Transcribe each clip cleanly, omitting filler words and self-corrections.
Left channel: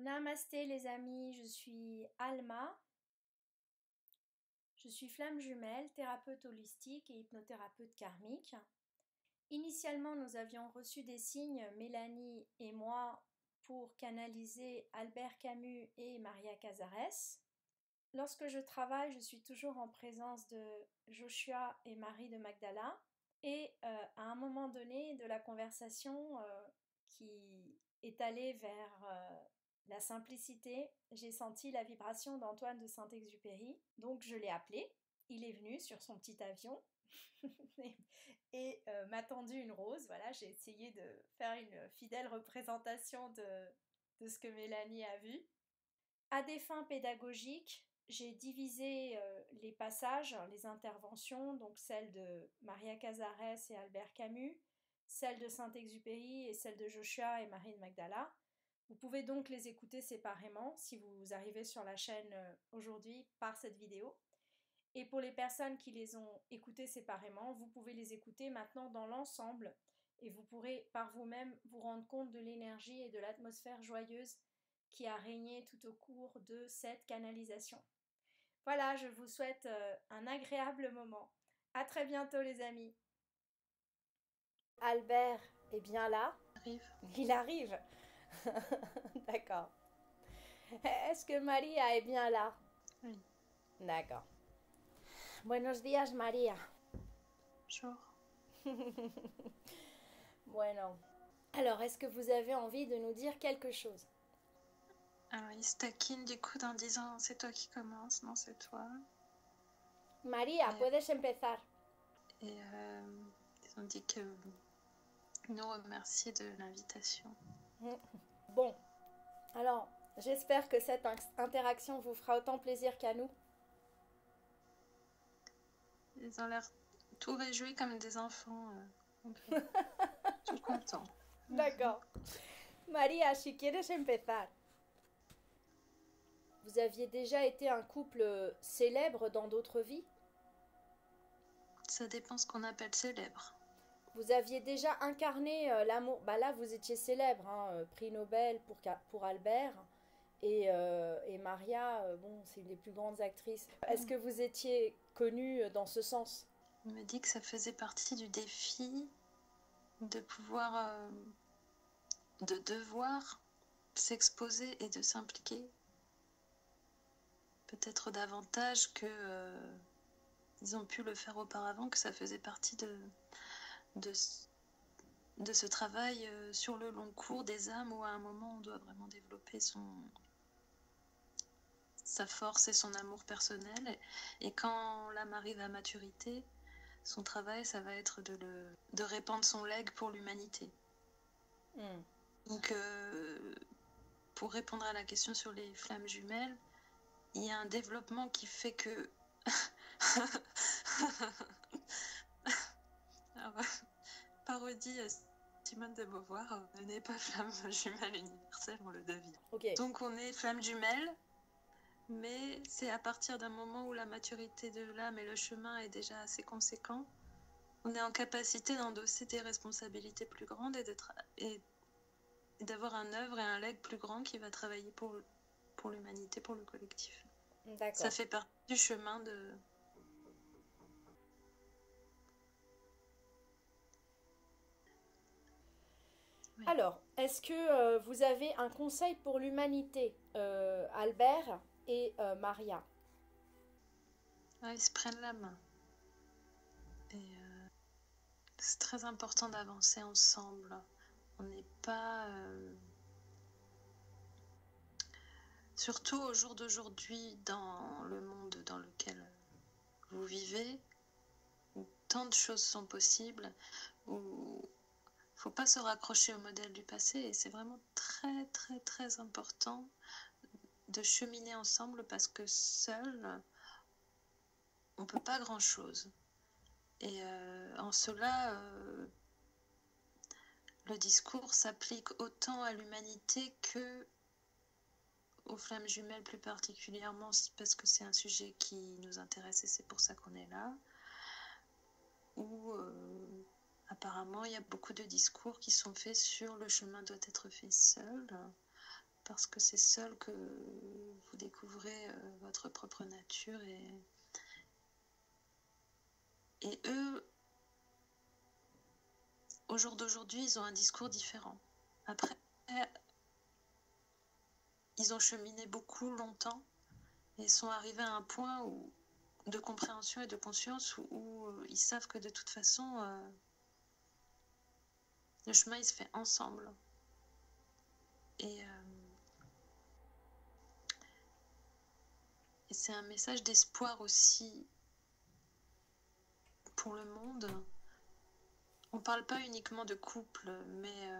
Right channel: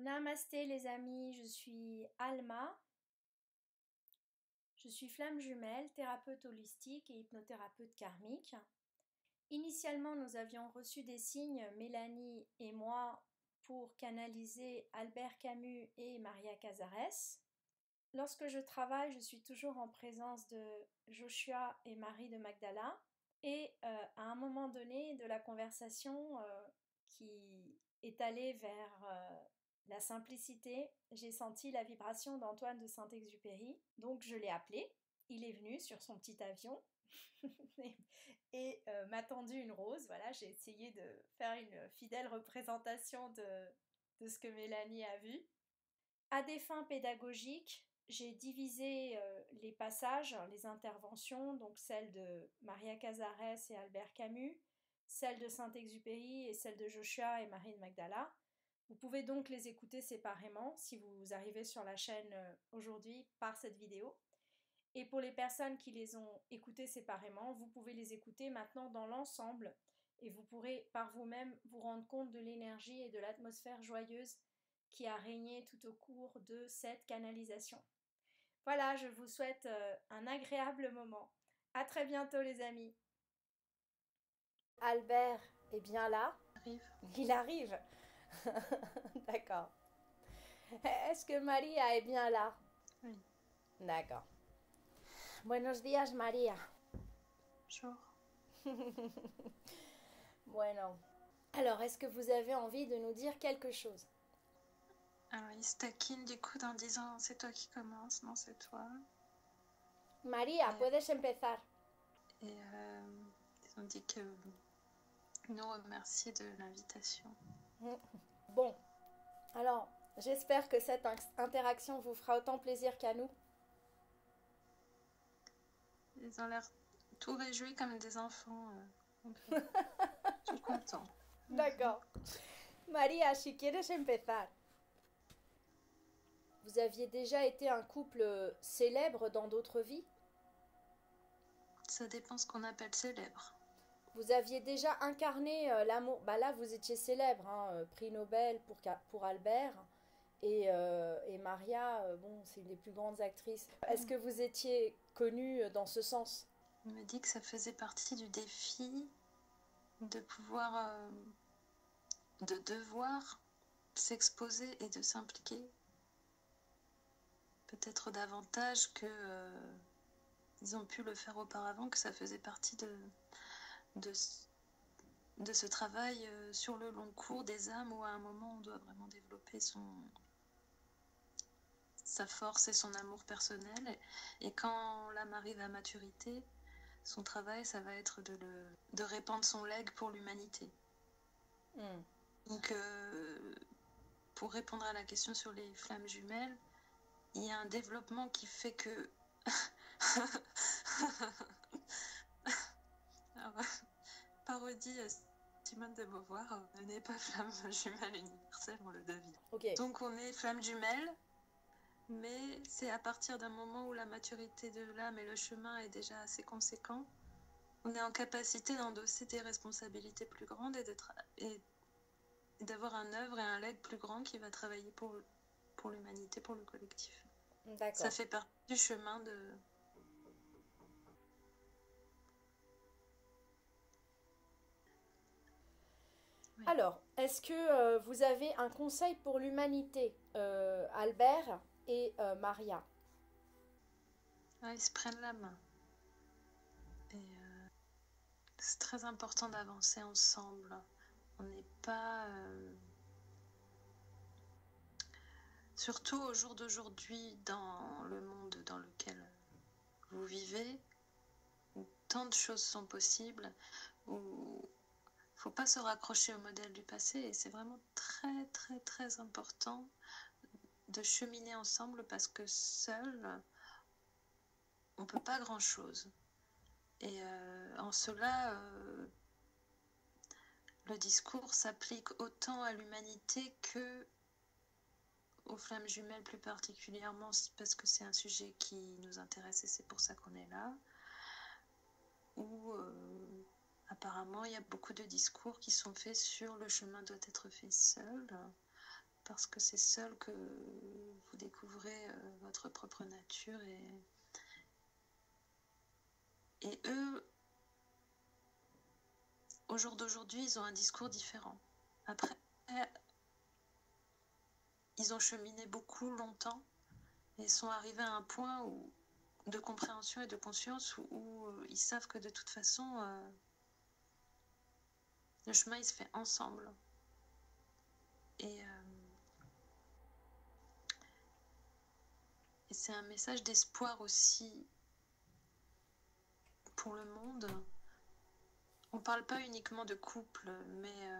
Namasté les amis, je suis Alma, je suis flamme jumelle, thérapeute holistique et hypnothérapeute karmique. Initialement, nous avions reçu des signes, Mélanie et moi, pour canaliser Albert Camus et Maria Casares. Lorsque je travaille, je suis toujours en présence de Joshua et Marie de Magdala. Et à un moment donné de la conversation qui est allée vers la simplicité, j'ai senti la vibration d'Antoine de Saint-Exupéry. Donc je l'ai appelé, il est venu sur son petit avion et m'a tendu une rose. Voilà, j'ai essayé de faire une fidèle représentation de ce que Mélanie a vu. À des fins pédagogiques, j'ai divisé les passages, les interventions, donc celle de Maria Casares et Albert Camus, celle de Saint-Exupéry et celle de Joshua et Marie de Magdala. Vous pouvez donc les écouter séparément si vous arrivez sur la chaîne aujourd'hui par cette vidéo. Et pour les personnes qui les ont écoutées séparément, vous pouvez les écouter maintenant dans l'ensemble et vous pourrez par vous-même vous rendre compte de l'énergie et de l'atmosphère joyeuse qui a régné tout au cours de cette canalisation. Voilà, je vous souhaite un agréable moment. À très bientôt les amis. Albert est bien là. Arrive. Il arrive. D'accord. Est-ce que Maria est bien là? Oui. D'accord. Buenos días, María. Bonjour. Bueno. Alors, est-ce que vous avez envie de nous dire quelque chose? Alors, il se taquine du coup en disant c'est toi qui commences, non c'est toi. María, puedes empezar. Et ils ont dit que nous remercier de l'invitation. Bon, alors j'espère que cette interaction vous fera autant plaisir qu'à nous. Ils ont l'air tout réjouis comme des enfants. Tout contents. D'accord. María, si quieres empezar. Vous aviez déjà été un couple célèbre dans d'autres vies? Ça dépend ce qu'on appelle célèbre. Vous aviez déjà incarné l'amour. Bah là, vous étiez célèbre, hein, prix Nobel pour Albert. Et Maria, bon, c'est une des plus grandes actrices. Est-ce que vous étiez connue dans ce sens? On me dit que ça faisait partie du défi de pouvoir, de devoir s'exposer et de s'impliquer. Peut-être davantage que ils ont pu le faire auparavant, que ça faisait partie de ce travail sur le long cours des âmes où à un moment on doit vraiment développer sa force et son amour personnel. Et quand l'âme arrive à maturité, son travail, ça va être de répandre son legs pour l'humanité. Donc, pour répondre à la question sur les flammes jumelles, il y a un développement qui fait que... Alors, parodie Simone de Beauvoir, on n'est pas flamme jumelle universelle, on le devient. Okay. Donc on est flamme jumelle, mais c'est à partir d'un moment où la maturité de l'âme et le chemin est déjà assez conséquent, on est en capacité d'endosser des responsabilités plus grandes et d'avoir un œuvre et un legs plus grand qui va travailler pour l'humanité, pour le collectif. D'accord. Ça fait partie du chemin de... Oui. Alors, est-ce que vous avez un conseil pour l'humanité, Albert et Maria? Ils se prennent la main. Et c'est très important d'avancer ensemble. On n'est pas... Surtout au jour d'aujourd'hui, dans le monde dans lequel vous vivez, où tant de choses sont possibles, où il ne faut pas se raccrocher au modèle du passé. Et c'est vraiment très, très, très important de cheminer ensemble parce que seul, on ne peut pas grand-chose. Et en cela, le discours s'applique autant à l'humanité que aux flammes jumelles plus particulièrement, parce que c'est un sujet qui nous intéresse et c'est pour ça qu'on est là. Où apparemment il y a beaucoup de discours qui sont faits sur le chemin doit être fait seul, parce que c'est seul que vous découvrez votre propre nature. Et eux, au jour d'aujourd'hui, ils ont un discours différent. Après, ils ont cheminé beaucoup longtemps et sont arrivés à un point de compréhension et de conscience où ils savent que de toute façon, le chemin, il se fait ensemble. Et c'est un message d'espoir aussi pour le monde. On ne parle pas uniquement de couple, mais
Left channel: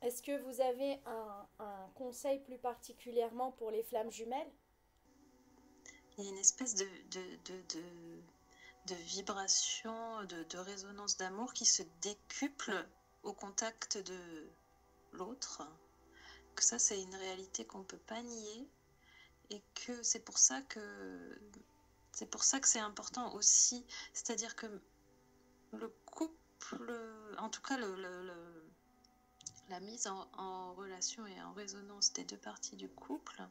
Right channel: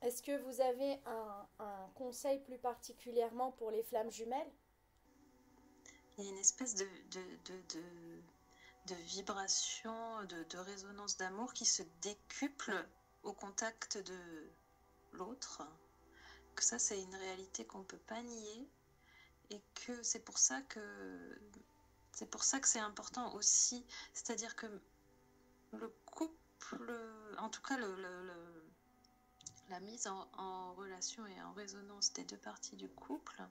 Est-ce que vous avez un conseil plus particulièrement pour les flammes jumelles? il y a une espèce de vibration, de résonance d'amour qui se décuple au contact de l'autre. Que ça, c'est une réalité qu'on ne peut pas nier. Et que c'est pour ça que c'est important aussi. C'est-à-dire que le couple, en tout cas la mise en relation et en résonance des deux parties du couple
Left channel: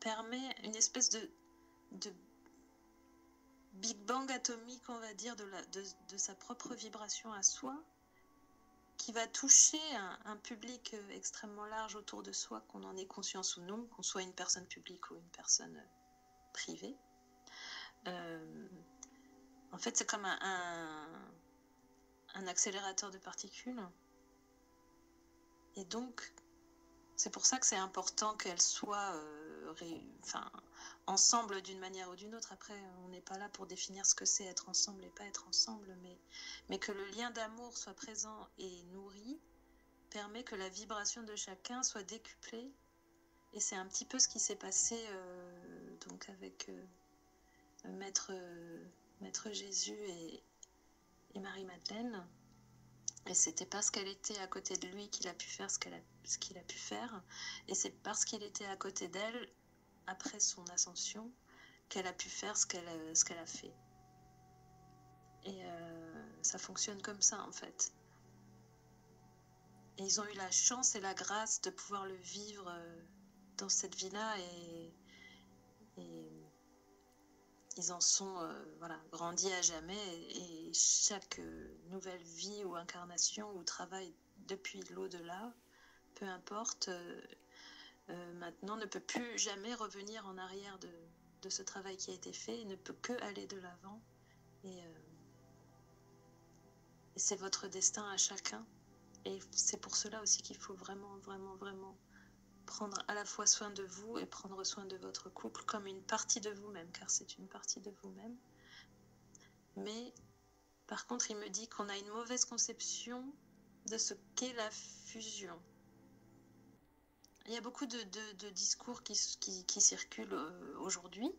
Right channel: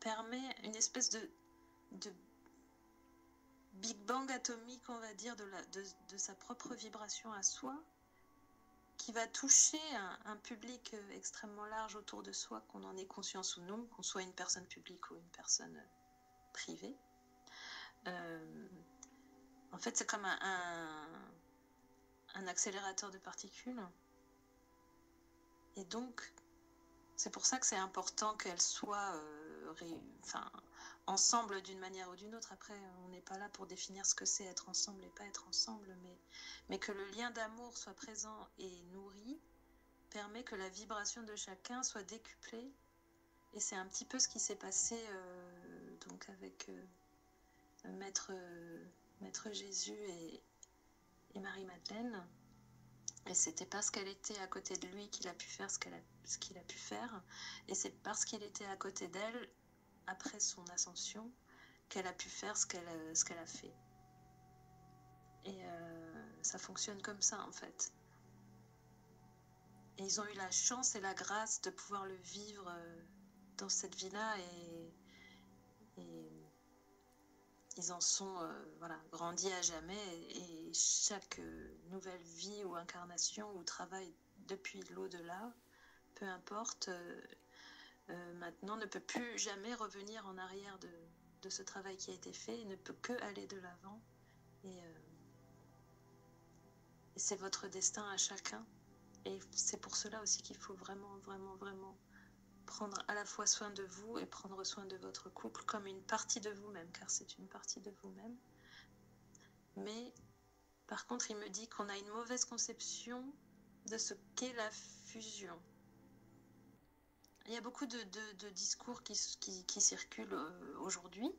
permet une espèce de Big Bang atomique, on va dire, de sa propre vibration à soi, qui va toucher un public extrêmement large autour de soi, qu'on en ait conscience ou non, qu'on soit une personne publique ou une personne privée. En fait, c'est comme un accélérateur de particules. Et donc, c'est pour ça que c'est important qu'elles soient ensemble d'une manière ou d'une autre. Après, on n'est pas là pour définir ce que c'est être ensemble et pas être ensemble, mais que le lien d'amour soit présent et nourri permet que la vibration de chacun soit décuplée. Et c'est un petit peu ce qui s'est passé donc avec Maître Jésus et Marie-Madeleine. Et c'était parce qu'elle était à côté de lui qu'il a pu faire ce qu'il a pu faire. Et c'est parce qu'il était à côté d'elle, après son ascension, qu'elle a pu faire ce qu'elle a fait. Et ça fonctionne comme ça, en fait. Et ils ont eu la chance et la grâce de pouvoir le vivre dans cette vie-là. Et ils en sont grandis à jamais. Et chaque nouvelle vie ou incarnation ou travail depuis l'au-delà, peu importe, maintenant ne peut plus jamais revenir en arrière de ce travail qui a été fait. Il ne peut que aller de l'avant. Et c'est votre destin à chacun. Et c'est pour cela aussi qu'il faut vraiment, vraiment, vraiment prendre à la fois soin de vous et prendre soin de votre couple comme une partie de vous-même, car c'est une partie de vous-même. Mais par contre, il me dit qu'on a une mauvaise conception de ce qu'est la fusion. Il y a beaucoup de discours qui circulent aujourd'hui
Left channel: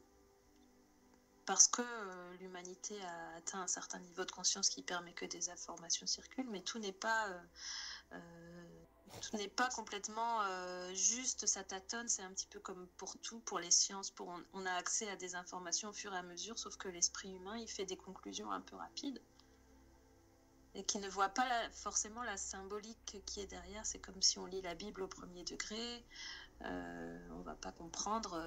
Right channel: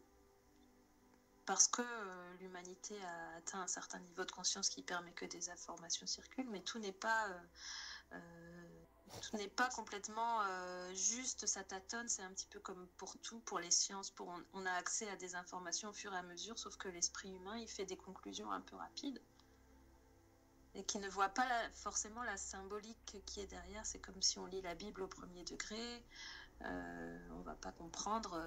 parce que l'humanité a atteint un certain niveau de conscience qui permet que des informations circulent, mais tout n'est pas complètement juste, ça tâtonne, c'est un petit peu comme pour tout, pour les sciences, on a accès à des informations au fur et à mesure, sauf que l'esprit humain, il fait des conclusions un peu rapides et qui ne voit pas forcément la symbolique qui est derrière. C'est comme si on lit la Bible au premier degré, on va pas comprendre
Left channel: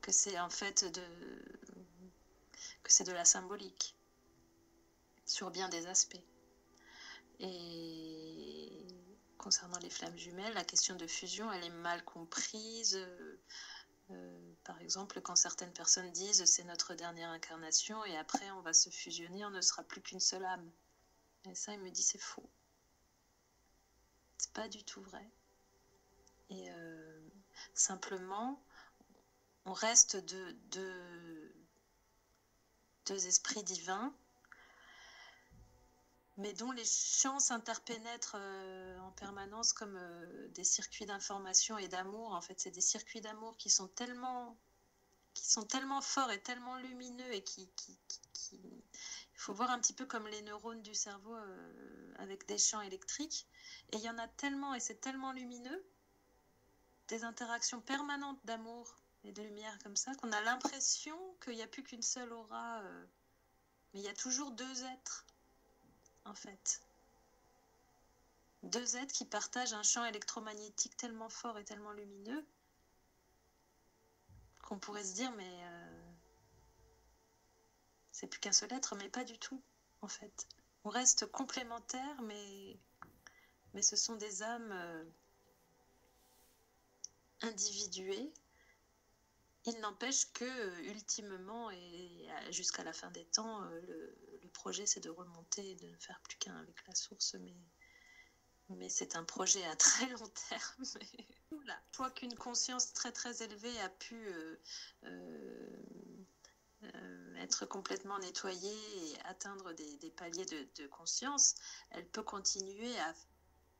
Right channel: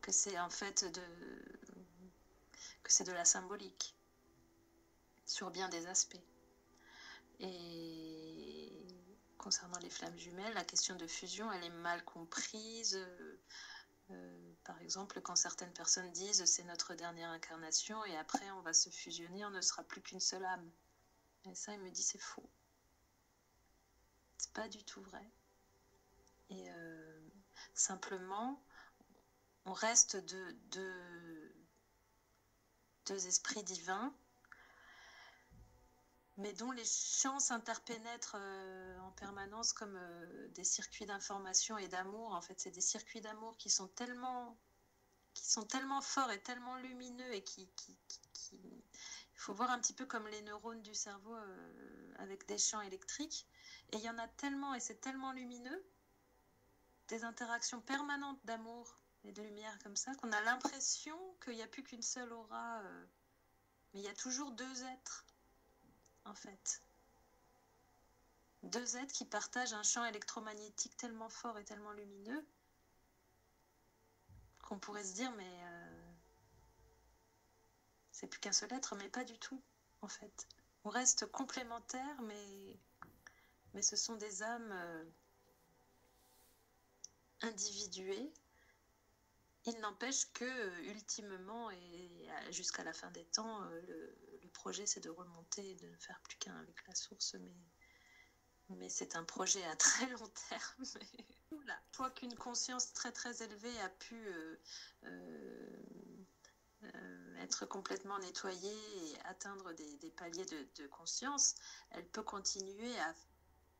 que c'est en fait que c'est de la symbolique sur bien des aspects. Et concernant les flammes jumelles, la question de fusion, elle est mal comprise. Par exemple, quand certaines personnes disent c'est notre dernière incarnation et après on va se fusionner, on ne sera plus qu'une seule âme. Et ça, il me dit c'est faux. C'est pas du tout vrai. Et simplement, on reste deux esprits divins, mais dont les champs s'interpénètrent en permanence comme des circuits d'information et d'amour. En fait, c'est des circuits d'amour qui sont tellement forts et tellement lumineux et il faut voir un petit peu comme les neurones du cerveau avec des champs électriques. Et il y en a tellement, et c'est tellement lumineux, des interactions permanentes d'amour et de lumière comme ça, qu'on a l'impression qu'il n'y a plus qu'une seule aura. Mais il y a toujours deux êtres, en fait. deux êtres qui partagent un champ électromagnétique tellement fort et tellement lumineux qu'on pourrait se dire, mais c'est plus qu'un seul être, mais pas du tout, en fait. On reste complémentaires, mais ce sont des âmes individuées. Il n'empêche que, ultimement, et jusqu'à la fin des temps, le projet, c'est de remonter et de ne faire plus qu'un avec la source, mais c'est un projet à très long terme. Voilà. Une fois qu'une conscience très très élevée a pu être complètement nettoyée et atteindre des paliers de conscience, elle peut continuer à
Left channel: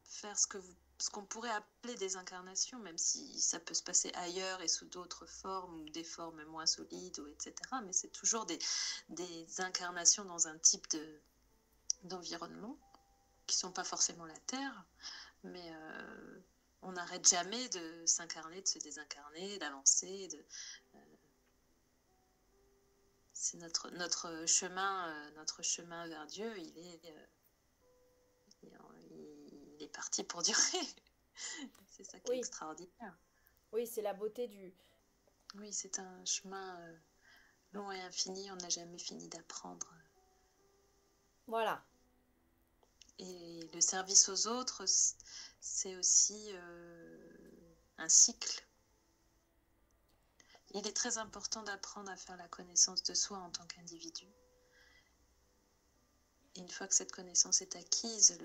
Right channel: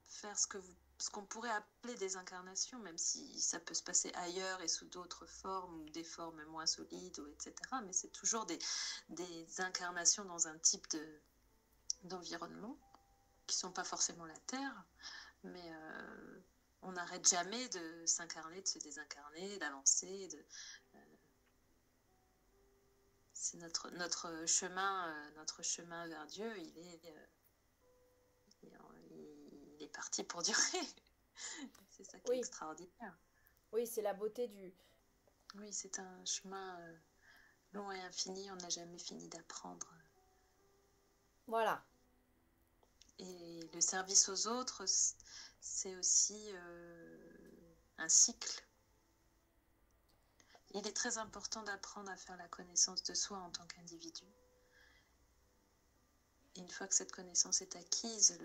faire ce qu'on pourrait appeler des incarnations, même si ça peut se passer ailleurs et sous d'autres formes, ou des formes moins solides, etc. Mais c'est toujours des incarnations dans un type d'environnement, qui ne sont pas forcément la Terre, mais on n'arrête jamais de s'incarner, de se désincarner, d'avancer. C'est notre chemin vers Dieu, il est parti pour durer. C'est ça qui est extraordinaire. Oui, c'est la beauté du... Oui, c'est un chemin long et infini, on n'a jamais fini d'apprendre. Voilà. Et le service aux autres, c'est aussi un cycle. Il est très important d'apprendre à faire la connaissance de soi en tant qu'individu. Et une fois que cette connaissance est acquise,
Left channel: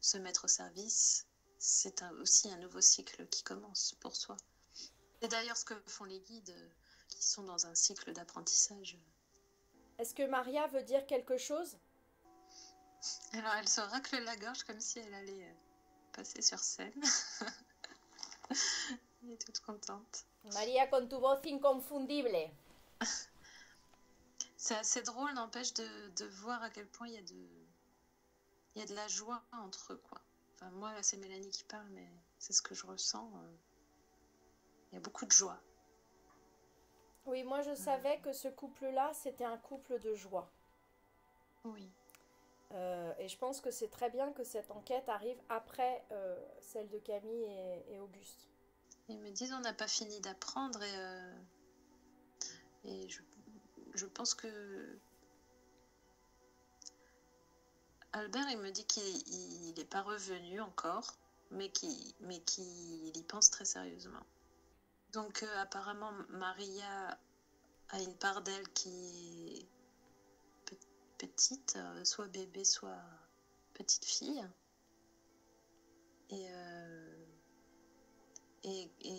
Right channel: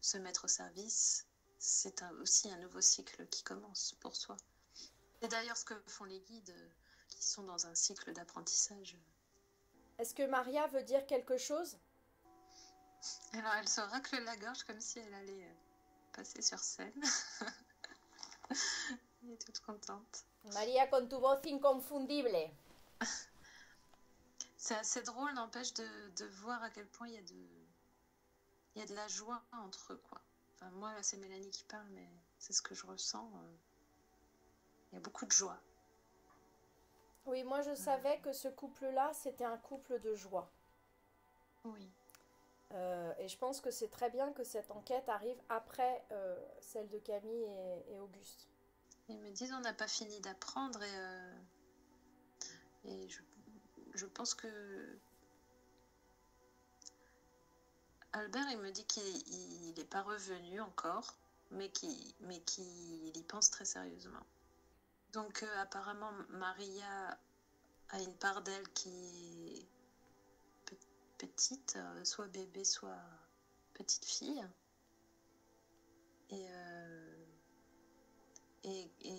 se mettre au service, c'est aussi un nouveau cycle qui commence pour soi. C'est d'ailleurs ce que font les guides qui sont dans un cycle d'apprentissage. Est-ce que Maria veut dire quelque chose? Alors elle se racle la gorge comme si elle allait passer sur scène. Elle est toute contente. Maria, con tu voz inconfundible. C'est assez drôle, n'empêche, de voir à quel point il y a de la joie entre eux, quoi. Enfin, moi, là, c'est Mélanie qui parle, mais c'est ce que je ressens. Il y a beaucoup de joie. Oui, moi je savais que ce couple-là, c'était un couple de joie. Oui. Et je pense que c'est très bien que cette enquête arrive après celle de Camille et Auguste. Ils me disent on n'a pas fini d'apprendre et je pense que Albert, il me dit qu'il n'est pas revenu encore, mais qu'il y pense très sérieusement. Donc apparemment Maria a une part d'elle qui est petite, soit bébé, soit petite fille. Et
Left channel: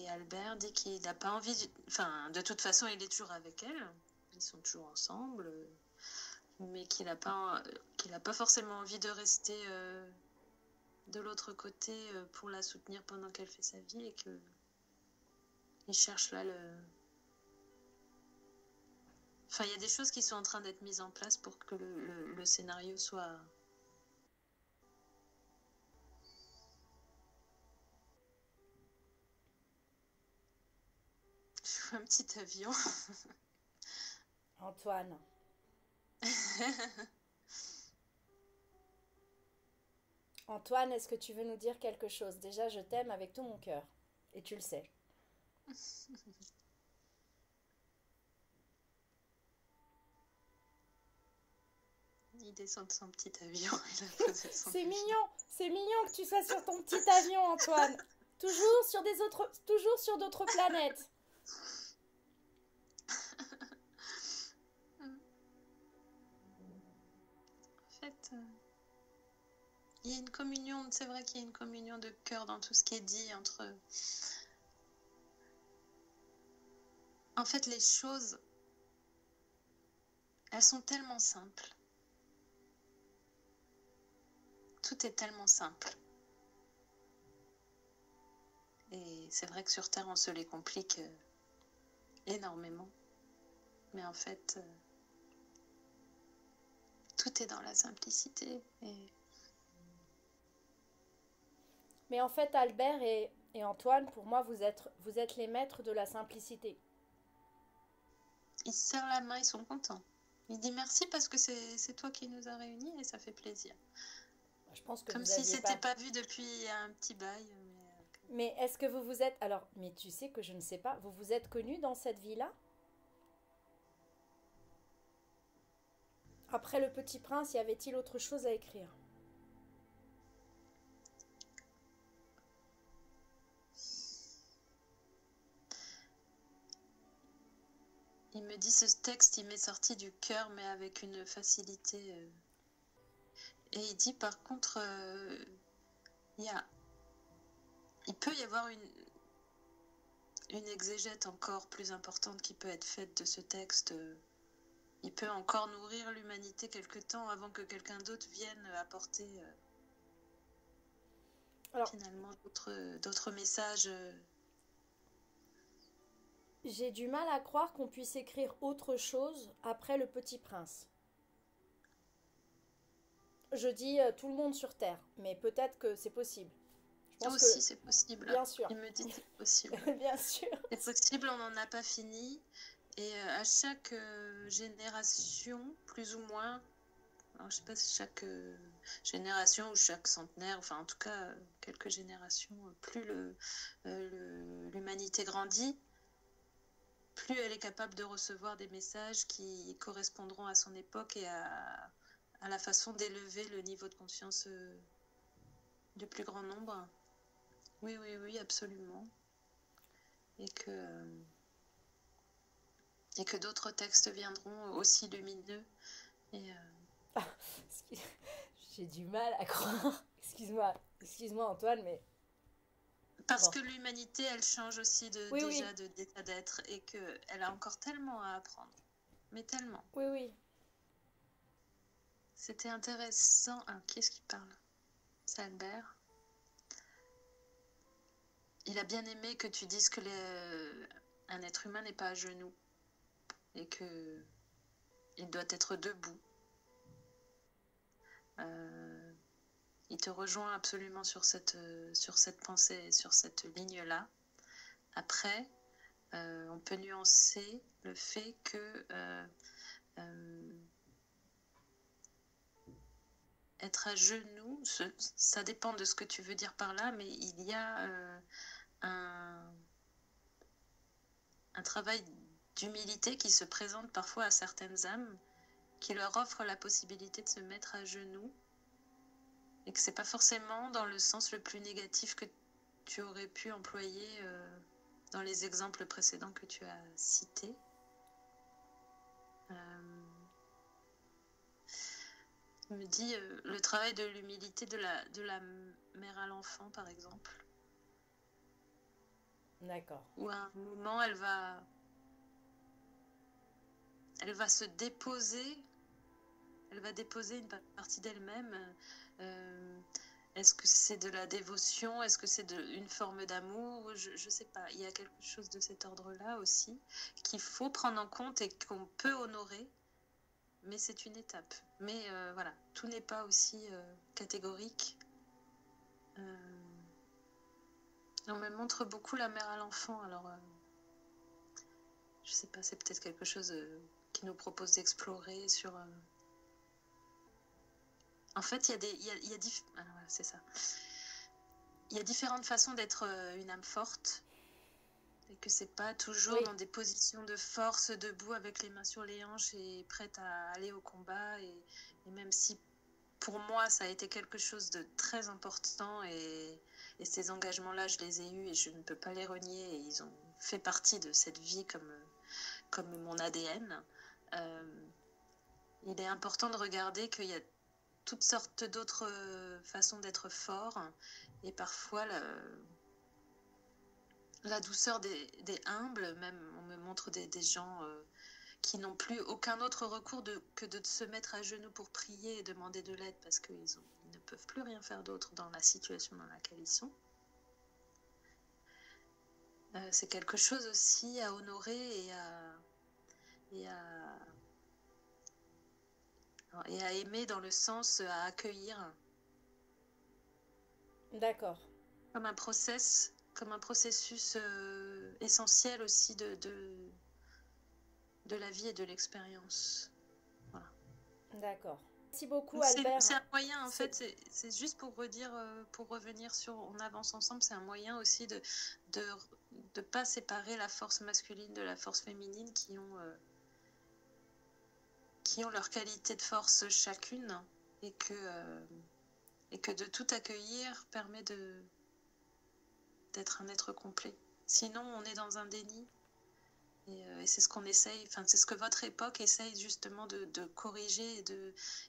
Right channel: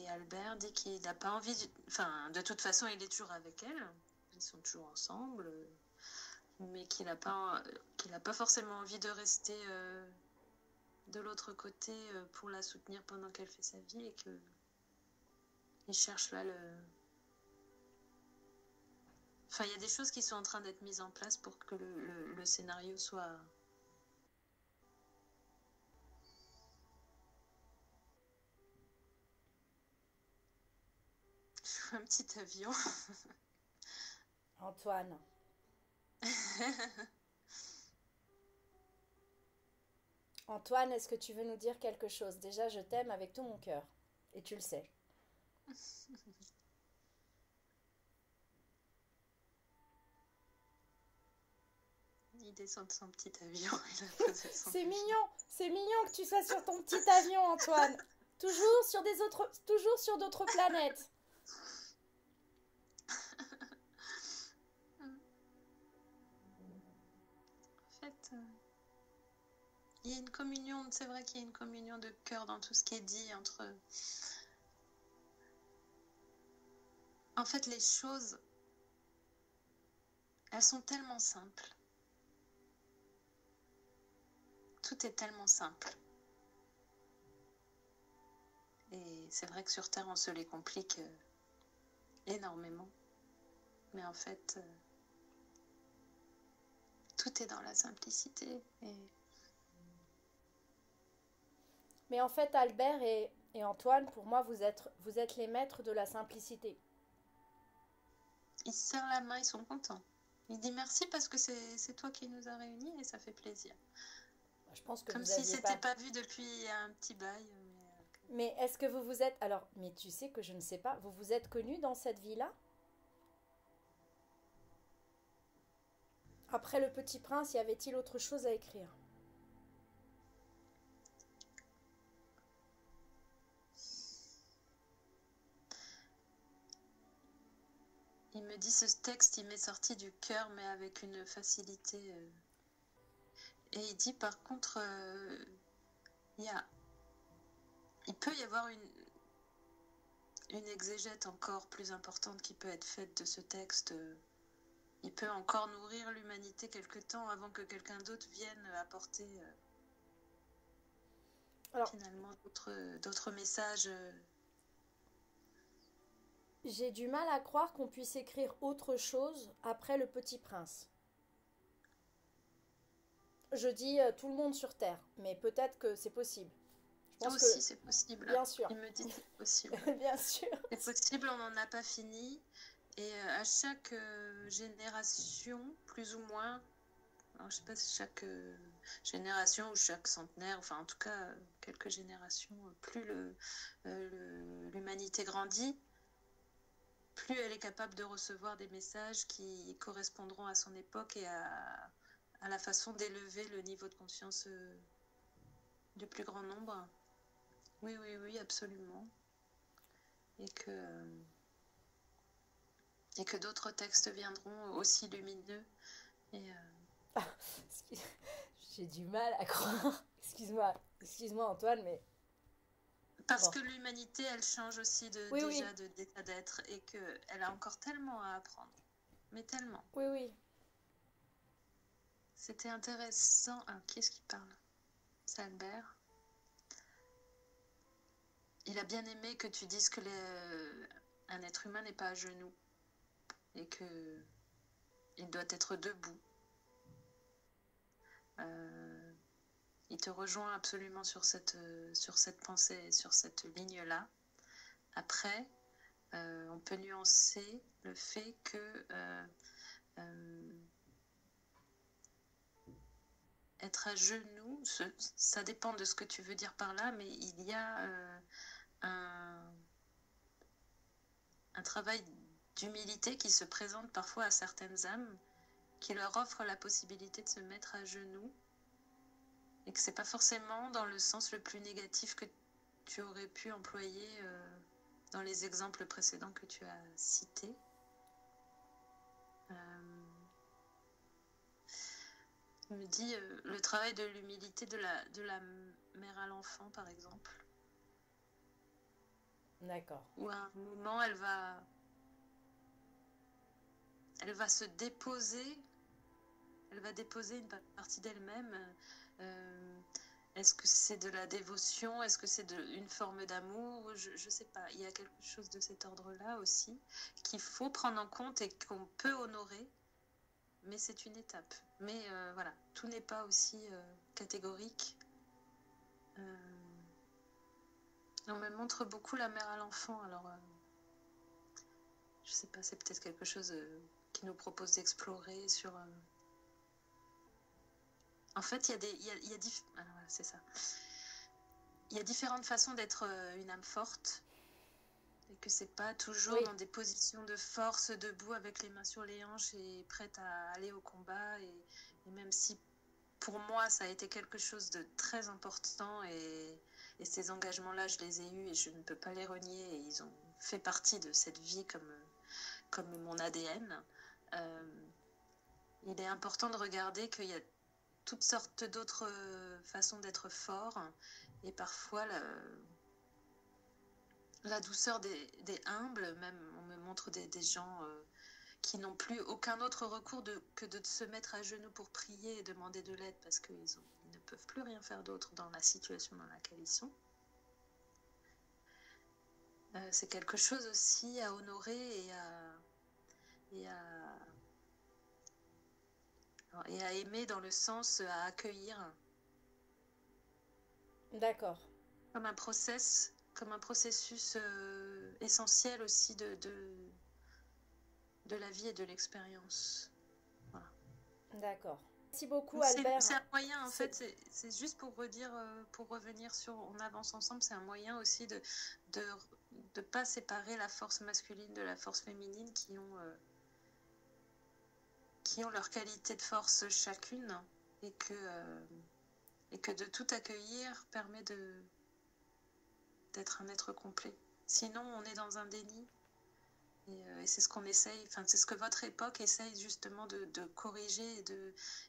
Albert dit qu'il n'a pas envie... de toute façon, il est toujours avec elle. Ils sont toujours ensemble. Mais qu'il n'a pas forcément envie de rester de l'autre côté pour la soutenir pendant qu'elle fait sa vie. Et qu'il cherche là Enfin, il y a des choses qui sont en train d'être mises en place pour que le scénario soit... Je vois un petit avion. Antoine. Antoine, est-ce que tu veux nous dire quelque chose? Déjà, je t'aime avec tout mon cœur. Et tu le sais. Il descend de son petit avion. C'est mignon que tu sois sur ton petit avion, Antoine. Toujours sur d'autres planètes. En fait, il y a une communion, c'est vrai qu'il y a une communion de cœur dans tout ce qui est dit entre... En fait, les choses, elles sont tellement simples. Tout est tellement simple. Et c'est vrai que sur Terre, on se les complique énormément. Mais en fait, tout est dans la simplicité. Mais en fait, Albert et Antoine, pour moi, vous êtes les maîtres de la simplicité. Ils se serrent la main, ils sont contents. Il dit merci parce que c'est toi qui nous as réunis et ça fait plaisir. Je pense que Comme vous si aviez c'était pas. pas vu depuis un petit bail. Mais est-ce que vous vous êtes... Alors, mais tu sais que je ne sais pas, vous vous êtes connus dans cette vie-là? Après Le Petit Prince, y avait-il autre chose à écrire? Il me dit ce texte, il m'est sorti du cœur, mais avec une facilité. Et il dit par contre, il peut y avoir une exégète encore plus importante qui peut être faite de ce texte. Il peut encore nourrir l'humanité quelque temps avant que quelqu'un d'autre vienne apporter Alors, finalement d'autres messages. j'ai du mal à croire qu'on puisse écrire autre chose après Le Petit Prince. Je dis tout le monde sur Terre, mais peut-être que c'est possible. Je pense que, Aussi, c'est possible. bien sûr, Il me dit que c'est possible. bien sûr. C'est possible, on n'en a pas fini. Et à chaque génération, plus ou moins, alors je sais pas si chaque génération ou chaque centenaire, enfin en tout cas quelques générations, plus l'humanité grandit, plus elle est capable de recevoir des messages qui correspondront à son époque et à la façon d'élever le niveau de conscience du plus grand nombre. Oui, oui, oui, absolument. Et que d'autres textes viendront aussi lumineux. Et, J'ai du mal à croire. Excuse-moi Antoine, mais parce bon. que l'humanité, elle change aussi Oui, oui, déjà d'état d'être et qu'elle a encore tellement à apprendre. Mais tellement. oui, oui. C'était intéressant. Ah, qui est-ce qui parle? C'est Albert. Il a bien aimé que tu dises que un être humain n'est pas à genoux et qu'il doit être debout. Il te rejoint absolument sur cette pensée, sur cette ligne-là. Après, on peut nuancer le fait que être à genoux, ça dépend de ce que tu veux dire par là, mais il y a un travail d'humilité qui se présente parfois à certaines âmes, qui leur offre la possibilité de se mettre à genoux, et que c'est pas forcément dans le sens le plus négatif que tu aurais pu employer dans les exemples précédents que tu as cités. Il me dit le travail de l'humilité de la mère à l'enfant, par exemple. D'accord. Où à un moment, elle va se déposer, elle va déposer une partie d'elle-même. Est-ce que c'est de la dévotion? Est-ce que c'est une forme d'amour? Je ne sais pas. Il y a quelque chose de cet ordre-là aussi qu'il faut prendre en compte et qu'on peut honorer. Mais c'est une étape. Mais voilà, tout n'est pas aussi catégorique. On me montre beaucoup la mère à l'enfant. Alors, je sais pas, c'est peut-être quelque chose qui nous propose d'explorer sur... En fait, c'est ça. Il y a différentes façons d'être une âme forte. Et que c'est pas toujours dans des positions de force, debout avec les mains sur les hanches et prête à aller au combat. Et même si pour moi ça a été quelque chose de très important et ces engagements-là je les ai eus et je ne peux pas les renier et ils ont fait partie de cette vie comme mon ADN. Il est important de regarder qu'il y a toutes sortes d'autres façons d'être fort et parfois la douceur des humbles, même on me montre des gens qui n'ont plus aucun autre recours que de se mettre à genoux pour prier et demander de l'aide parce qu'ils ne peuvent plus rien faire d'autre dans la situation dans laquelle ils sont. C'est quelque chose aussi à honorer et à aimer dans le sens à accueillir. D'accord. Comme un processus essentiel aussi de la vie et de l'expérience. Voilà. D'accord. Merci beaucoup, Donc Albert. c'est un moyen, en fait, c'est juste pour redire, pour revenir sur On avance ensemble, c'est un moyen aussi de pas séparer la force masculine de la force féminine qui ont leur qualité de force chacune et que de tout accueillir permet d'être un être complet. Sinon, on est dans un déni. Et c'est ce qu'on essaye, enfin c'est ce que votre époque essaye justement de corriger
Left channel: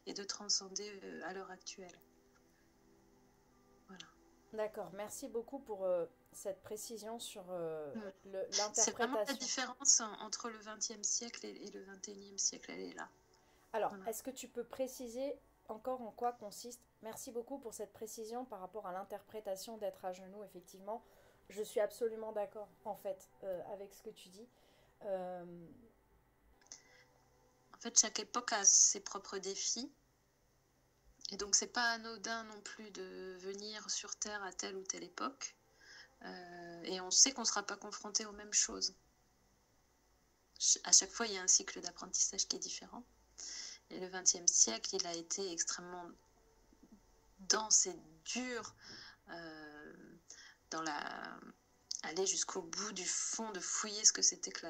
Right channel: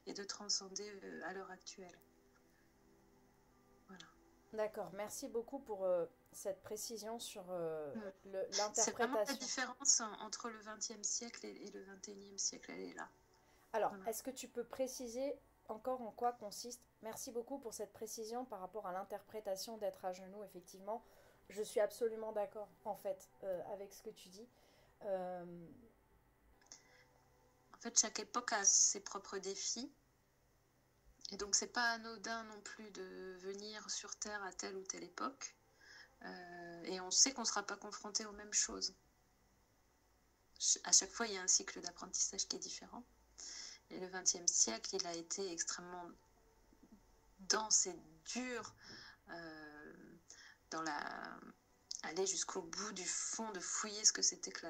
et de transcender à l'heure actuelle. Voilà. D'accord, merci beaucoup pour cette précision sur C'est vraiment la l'interprétation. différence entre le XXe siècle et le XXIe siècle, elle est là. Alors, Voilà. est-ce que tu peux préciser encore en quoi consiste? Merci beaucoup pour cette précision par rapport à l'interprétation d'être à genoux, effectivement. Je suis absolument d'accord, en fait, avec ce que tu dis. Euh, En fait, chaque époque a ses propres défis. Et donc, c'est pas anodin non plus de venir sur Terre à telle ou telle époque. Et on sait qu'on ne sera pas confronté aux mêmes choses. À chaque fois, il y a un cycle d'apprentissage qui est différent. Et le XXe siècle, il a été extrêmement dense et dur dans aller jusqu'au bout du fond, de fouiller ce que c'était que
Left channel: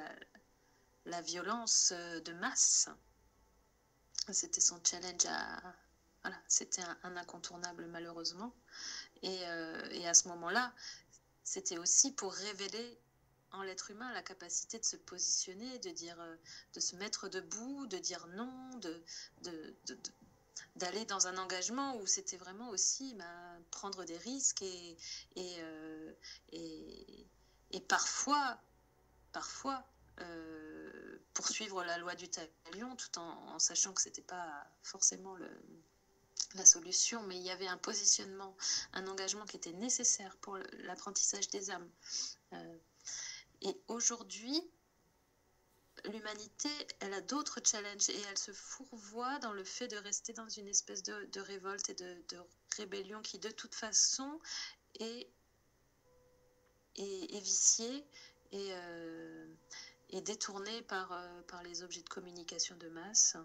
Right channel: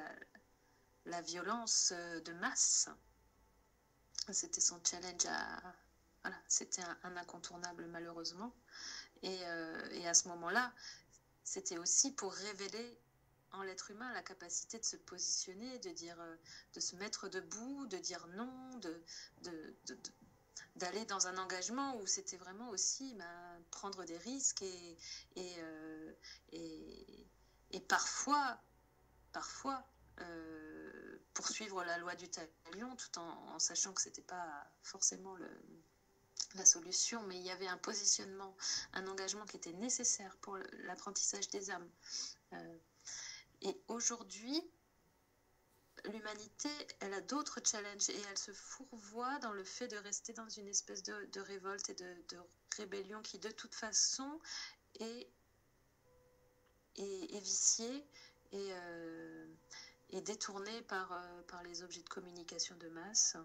la violence de masse. C'était son challenge voilà, c'était un incontournable malheureusement. Et à ce moment-là, c'était aussi pour révéler en l'être humain la capacité de se positionner, de se mettre debout, de dire non, d'aller dans un engagement où c'était vraiment aussi prendre des risques et parfois poursuivre la loi du talion tout en sachant que c'était pas forcément la solution, mais il y avait un positionnement, un engagement qui était nécessaire pour l'apprentissage des âmes. Et aujourd'hui, l'humanité, elle a d'autres challenges et elle se fourvoie dans le fait de rester dans une espèce de révolte et de rébellion qui, de toute façon, est viciée et détournée par les objets de communication de masse.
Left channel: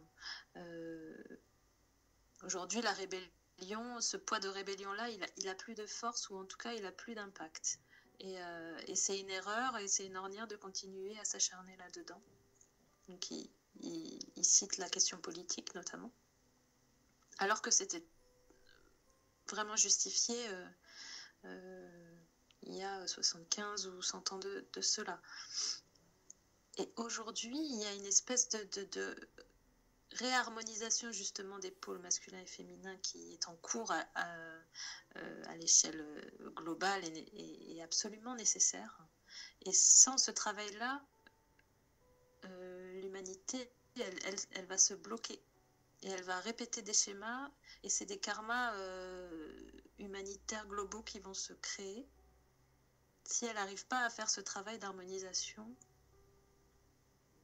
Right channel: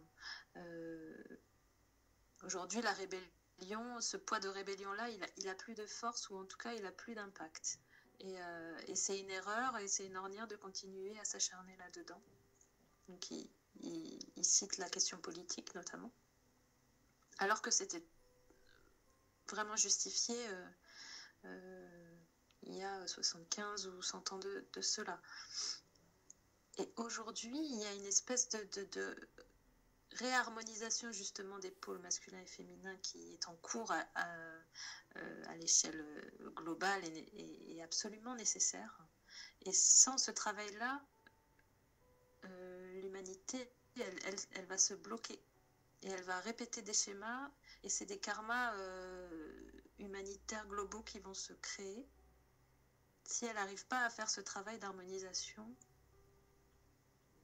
Aujourd'hui, la rébellion, ce poids de rébellion-là, il a plus de force ou en tout cas, il a plus d'impact. Et c'est une erreur et c'est une ornière de continuer à s'acharner là-dedans. Donc il cite la question politique notamment, alors que c'était vraiment justifié il y a 75 ou 100 ans de cela. Et aujourd'hui, il y a une espèce de réharmonisation justement des pôles masculins et féminins qui est en cours à l'échelle globale et absolument nécessaire. Et sans ce travail-là, l'humanité, elle va se bloquer et elle va répéter des schémas et c'est des karmas humanitaires globaux qui vont se créer si elle n'arrive pas à faire ce travail d'harmonisation,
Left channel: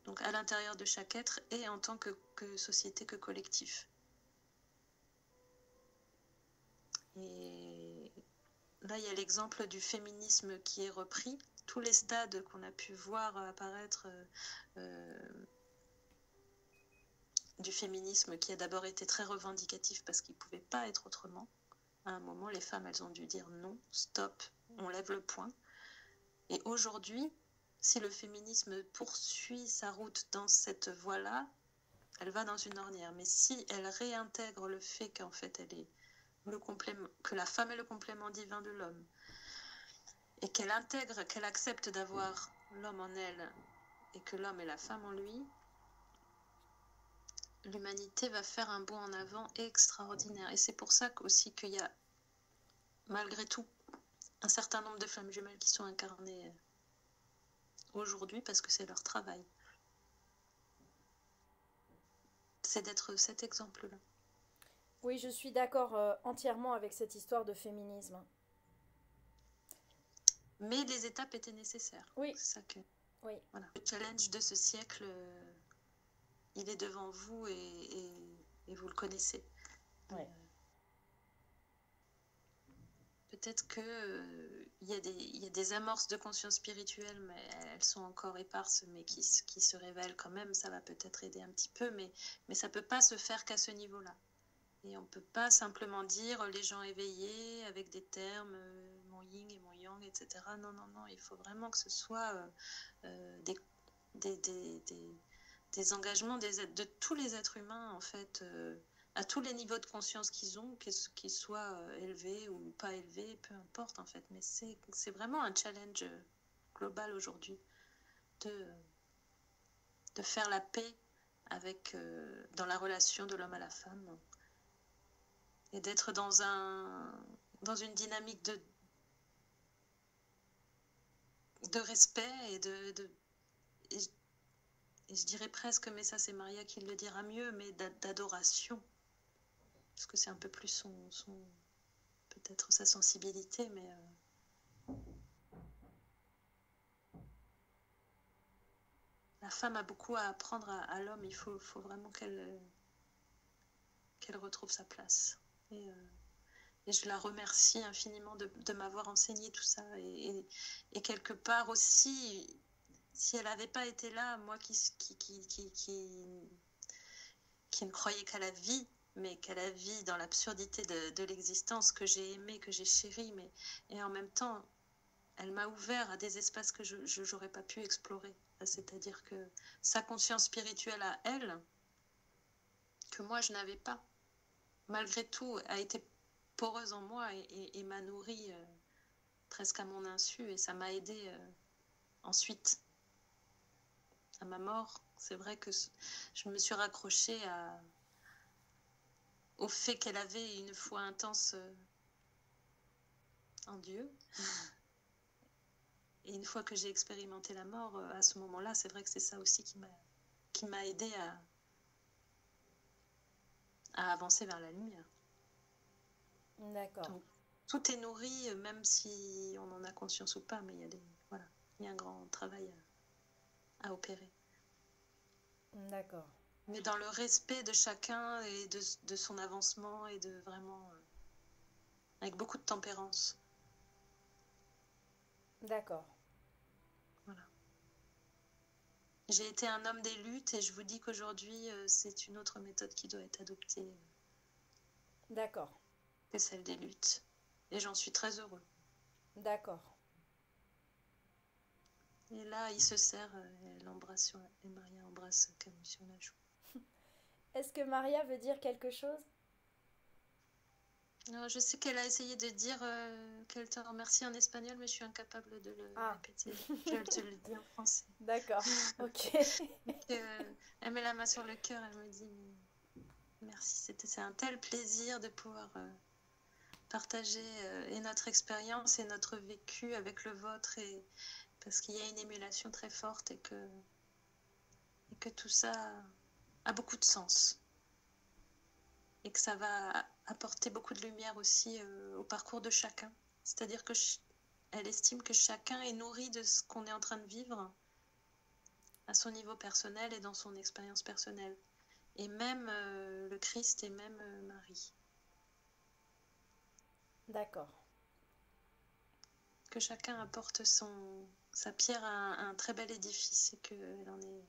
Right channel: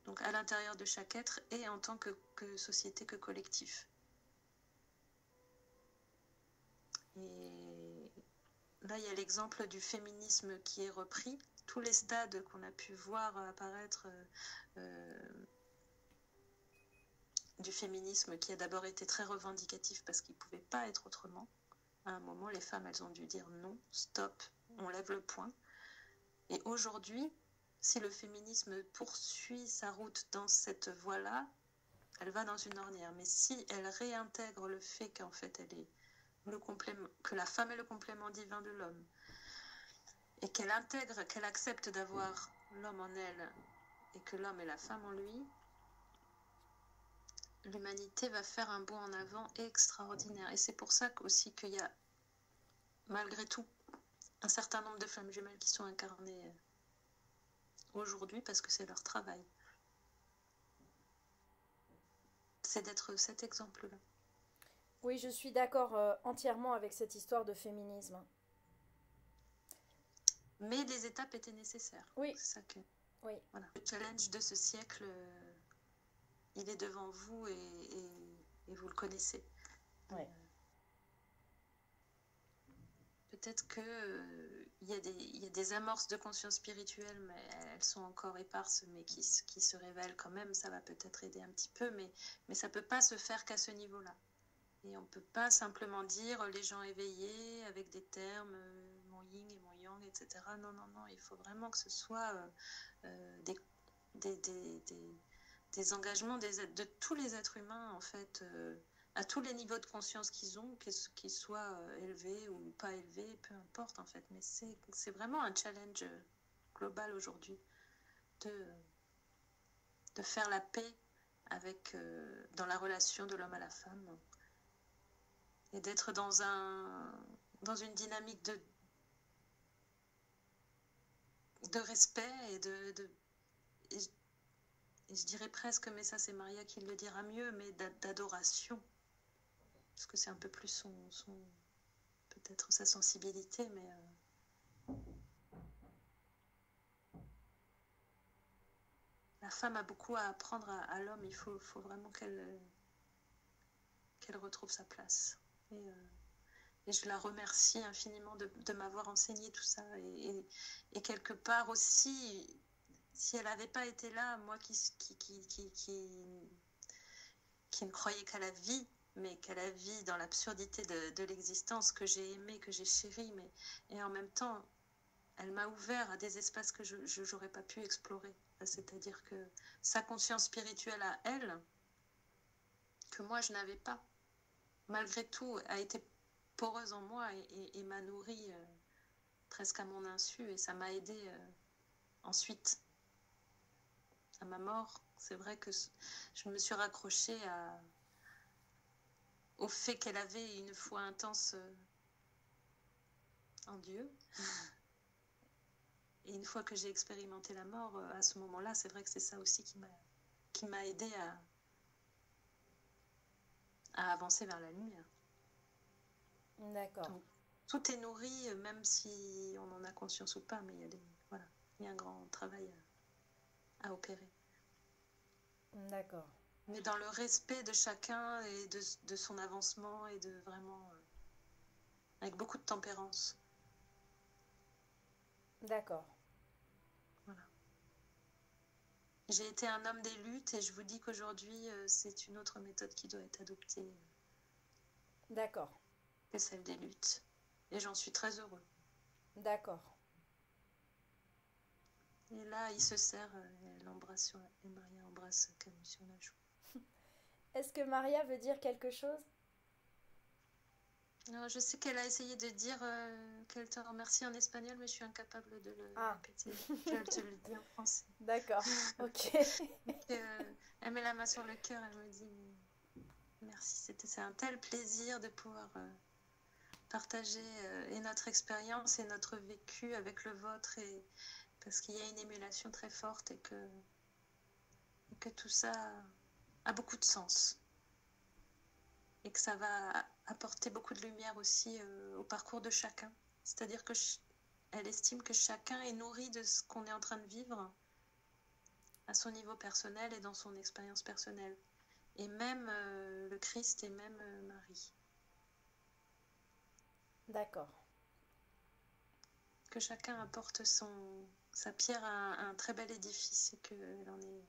donc à l'intérieur de chaque être et en tant que société, que collectif. Et là, il y a l'exemple du féminisme qui est repris. Tous les stades qu'on a pu voir apparaître du féminisme qui a d'abord été très revendicatif parce qu'il ne pouvait pas être autrement. À un moment, les femmes, elles ont dû dire non, stop, on lève le poing. Et aujourd'hui, si le féminisme poursuit sa route dans cette voie-là, elle va dans une ornière. Mais si elle réintègre le fait qu'en fait, elle est que la femme est le complément divin de l'homme, et qu'elle intègre, qu'elle accepte d'avoir l'homme en elle et que l'homme est la femme en lui, l'humanité va faire un bond en avant extraordinaire. Et c'est pour ça aussi qu'il y a, malgré tout, un certain nombre de flammes jumelles qui sont incarnées aujourd'hui parce que c'est leur travail. C'est d'être cet exemple-là. Oui, je suis d'accord entièrement avec cette histoire de féminisme. Mais les étapes étaient nécessaires. Oui. C'est ça que... Oui. Voilà. Le challenge de ce siècle, il est devant vous et vous le connaissez. Ouais. Peut-être qu'il y a des amorces de conscience spirituelle, mais elles sont encore éparses, mais qui se révèlent quand même. Ça va peut-être aider un petit peu, mais ça ne peut pas se faire qu'à ce niveau-là. Et on ne peut pas simplement dire les gens éveillés avec des termes, mon yin et mon yang, etc. Non, non, non, il faut vraiment que ce soit des, des engagements de tous les êtres humains, en fait, à tous les niveaux de conscience qu'ils ont, qu'ils soient élevés ou pas élevés, peu importe, en fait. Mais c'est vraiment un challenge global aujourd'hui de faire la paix avec, dans la relation de l'homme à la femme et d'être dans une dynamique de respect et je dirais presque, mais ça c'est Maria qui le dira mieux, mais d'adoration. Parce que c'est un peu plus peut-être sa sensibilité, mais la femme a beaucoup à apprendre à l'homme. Il faut vraiment qu'elle retrouve sa place. Et je la remercie infiniment de m'avoir enseigné tout ça. Et quelque part aussi, si elle n'avait pas été là, moi qui ne croyais qu'à la vie, mais qu'à la vie dans l'absurdité de l'existence que j'ai aimée, que j'ai chérie, et en même temps, elle m'a ouvert à des espaces que je n'aurais pas pu explorer. C'est-à-dire que sa conscience spirituelle à elle, que moi je n'avais pas, malgré tout, a été poreuse en moi et m'a nourrie presque à mon insu, et ça m'a aidée ensuite à ma mort. C'est vrai que je me suis raccrochée au fait qu'elle avait une foi intense en Dieu. Et une fois que j'ai expérimenté la mort, à ce moment-là, c'est vrai que c'est ça aussi qui m'a aidée à avancer vers la lumière. D'accord. Donc, tout est nourri, même si on en a conscience ou pas, mais il y a un grand travail à opérer. D'accord. Mais dans le respect de chacun et de son avancement et de vraiment... avec beaucoup de tempérance. D'accord. Voilà. J'ai été un homme des luttes et je vous dis qu'aujourd'hui, c'est une autre méthode qui doit être adoptée D'accord. que celle des luttes. Et j'en suis très heureux. D'accord. Et là, il se serre, elle embrasse et Maria embrasse Camus sur la joue. Est-ce que Maria veut dire quelque chose? Alors, je sais qu'elle a essayé de dire qu'elle te remercie en espagnol, mais je suis incapable de le répéter. Je vais te le dire en français. D'accord, ok. Donc, elle met la main sur le cœur, elle me dit merci. C'est un tel plaisir de pouvoir partager et notre expérience et notre vécu avec le vôtre, parce qu'il y a une émulation très forte et que tout ça a beaucoup de sens. Et que ça va apporter beaucoup de lumière aussi au parcours de chacun. C'est-à-dire qu'elle estime que chacun est nourri de ce qu'on est en train de vivre à son niveau personnel et dans son expérience personnelle. Et même le Christ et même Marie. D'accord. Que chacun apporte sa pierre à un très bel édifice et qu'elle en est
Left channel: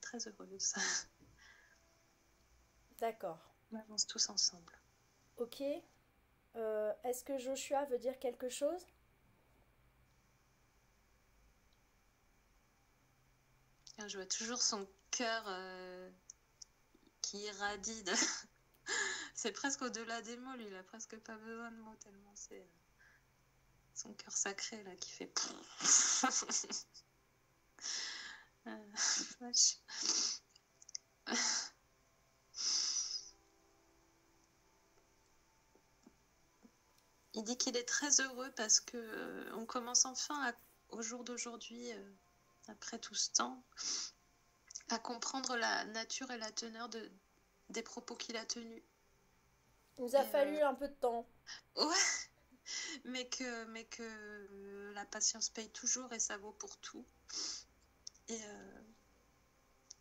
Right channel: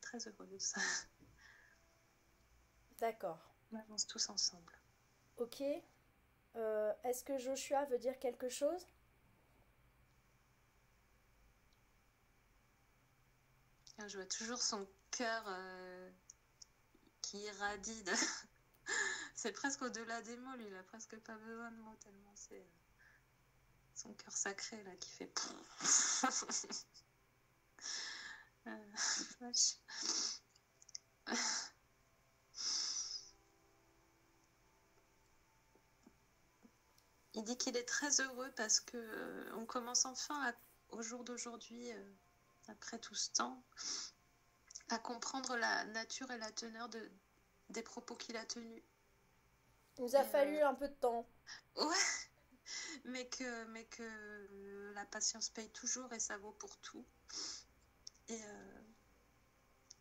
très heureuse. D'accord. On avance tous ensemble. Ok. Est-ce que Joshua veut dire quelque chose? Je vois toujours son cœur qui irradie. C'est presque au-delà des mots, lui, il a presque pas besoin de mots tellement c'est son cœur sacré là qui fait. Vache. Il dit qu'il est très heureux parce que on commence enfin au jour d'aujourd'hui, après tout ce temps, à comprendre la nature et la teneur des propos qu'il a tenus. Il nous a fallu un peu de temps. Ouais, mais que la patience paye toujours et ça vaut pour tout.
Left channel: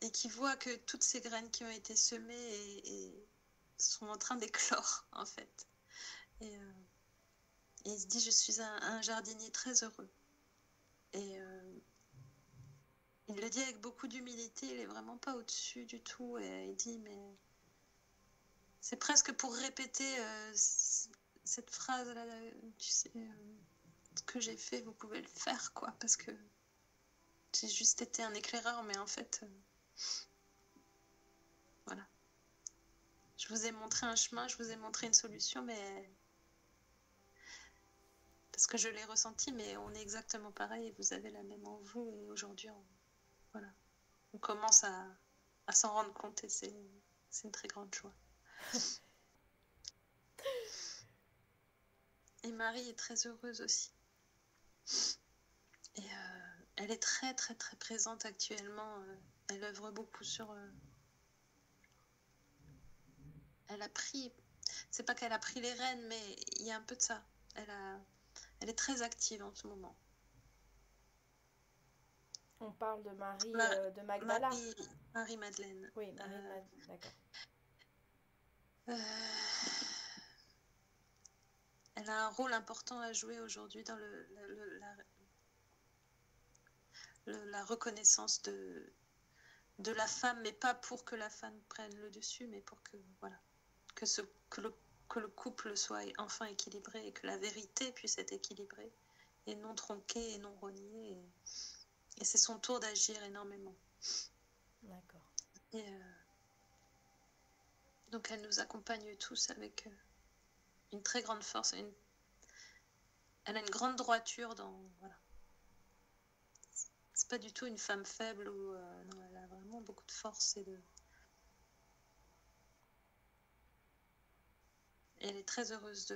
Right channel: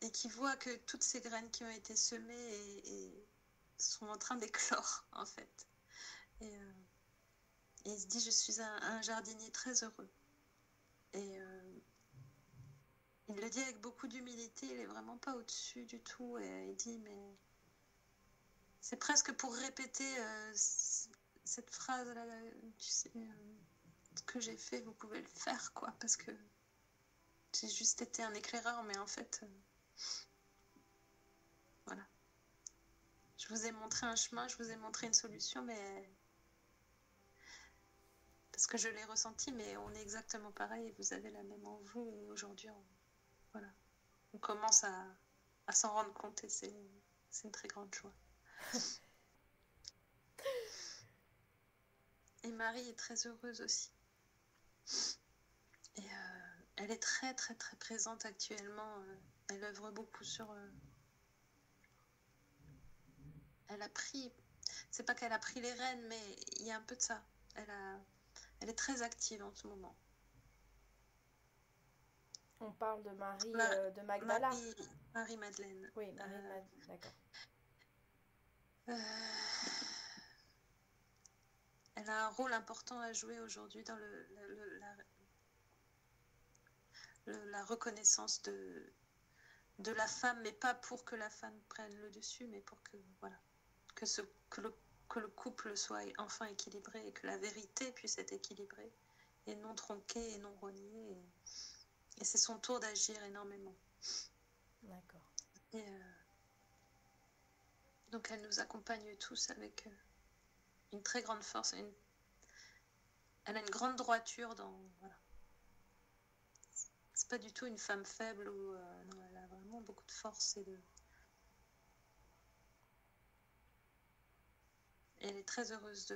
Et qui voit que toutes ces graines qui ont été semées et sont en train d'éclore, en fait. Et il se dit, je suis un jardinier très heureux. Et il le dit avec beaucoup d'humilité, il est vraiment pas au-dessus du tout. Et il dit, mais c'est presque pour répéter cette phrase-là, tu sais, ce que j'ai fait, vous pouvez le faire, quoi, parce que j'ai juste été un éclaireur, mais en fait, voilà. Je vous ai montré un chemin, je vous ai montré une solution, mais parce que je l'ai ressenti, mais on est exactement pareil et vous avez la même en vous. Et aujourd'hui, voilà, on commence à s'en rendre compte et c'est une très grande joie. Et Marie est très heureuse aussi. Et elle est très très très présente actuellement. Elle œuvre beaucoup sur... elle a pris... C'est pas qu'elle a pris les rênes, mais il y a un peu de ça. Elle est très active en ce moment. On parle de Marie de Magdala. Marie-Madeleine. Oui, Marie-Madeleine, d'accord. Elle a un rôle important à jouer aujourd'hui dans la reconnaissance de la femme, mais pas pour que la femme prenne le dessus, mais pour que, voilà, que le couple soit enfin équilibré et que la vérité puisse être équilibrée et non tronquée et non reniée. Et c'est son tour d'agir énormément. D'accord. Et donc elle nous accompagne tous avec une très grande force. Elle a une grande droiture dans... Voilà. C'est pas du tout une femme faible ou non, elle a vraiment beaucoup de force et elle est très heureuse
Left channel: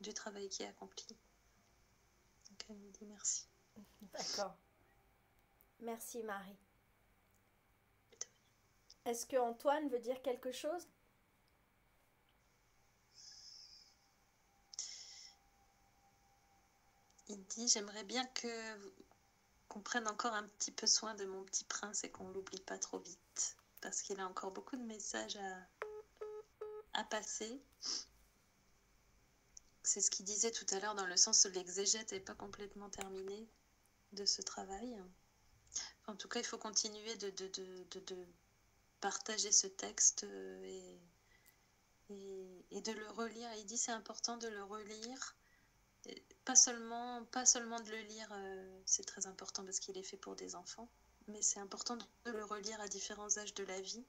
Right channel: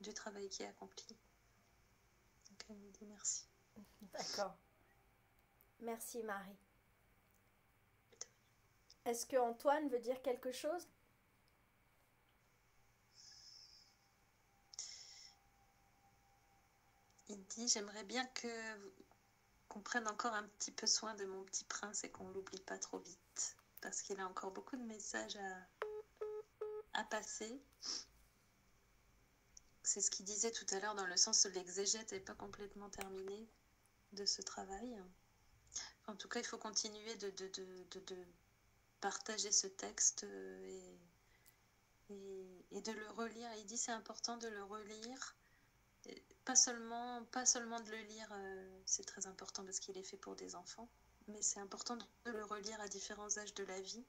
du travail qui est accompli. Donc elle nous dit merci. D'accord. Merci Marie. Est-ce que Antoine veut dire quelque chose? Il dit j'aimerais bien qu'on prenne encore un petit peu soin de mon petit prince et qu'on l'oublie pas trop vite parce qu'il a encore beaucoup de messages à passer. C'est ce qu'il disait tout à l'heure dans le sens où l'exégète n'est pas complètement terminée de ce travail. En tout cas, il faut continuer de partager ce texte et de le relire. Il dit c'est important de le relire, pas seulement de le lire, c'est très important parce qu'il est fait pour des enfants, mais c'est important de le relire à différents âges de la vie,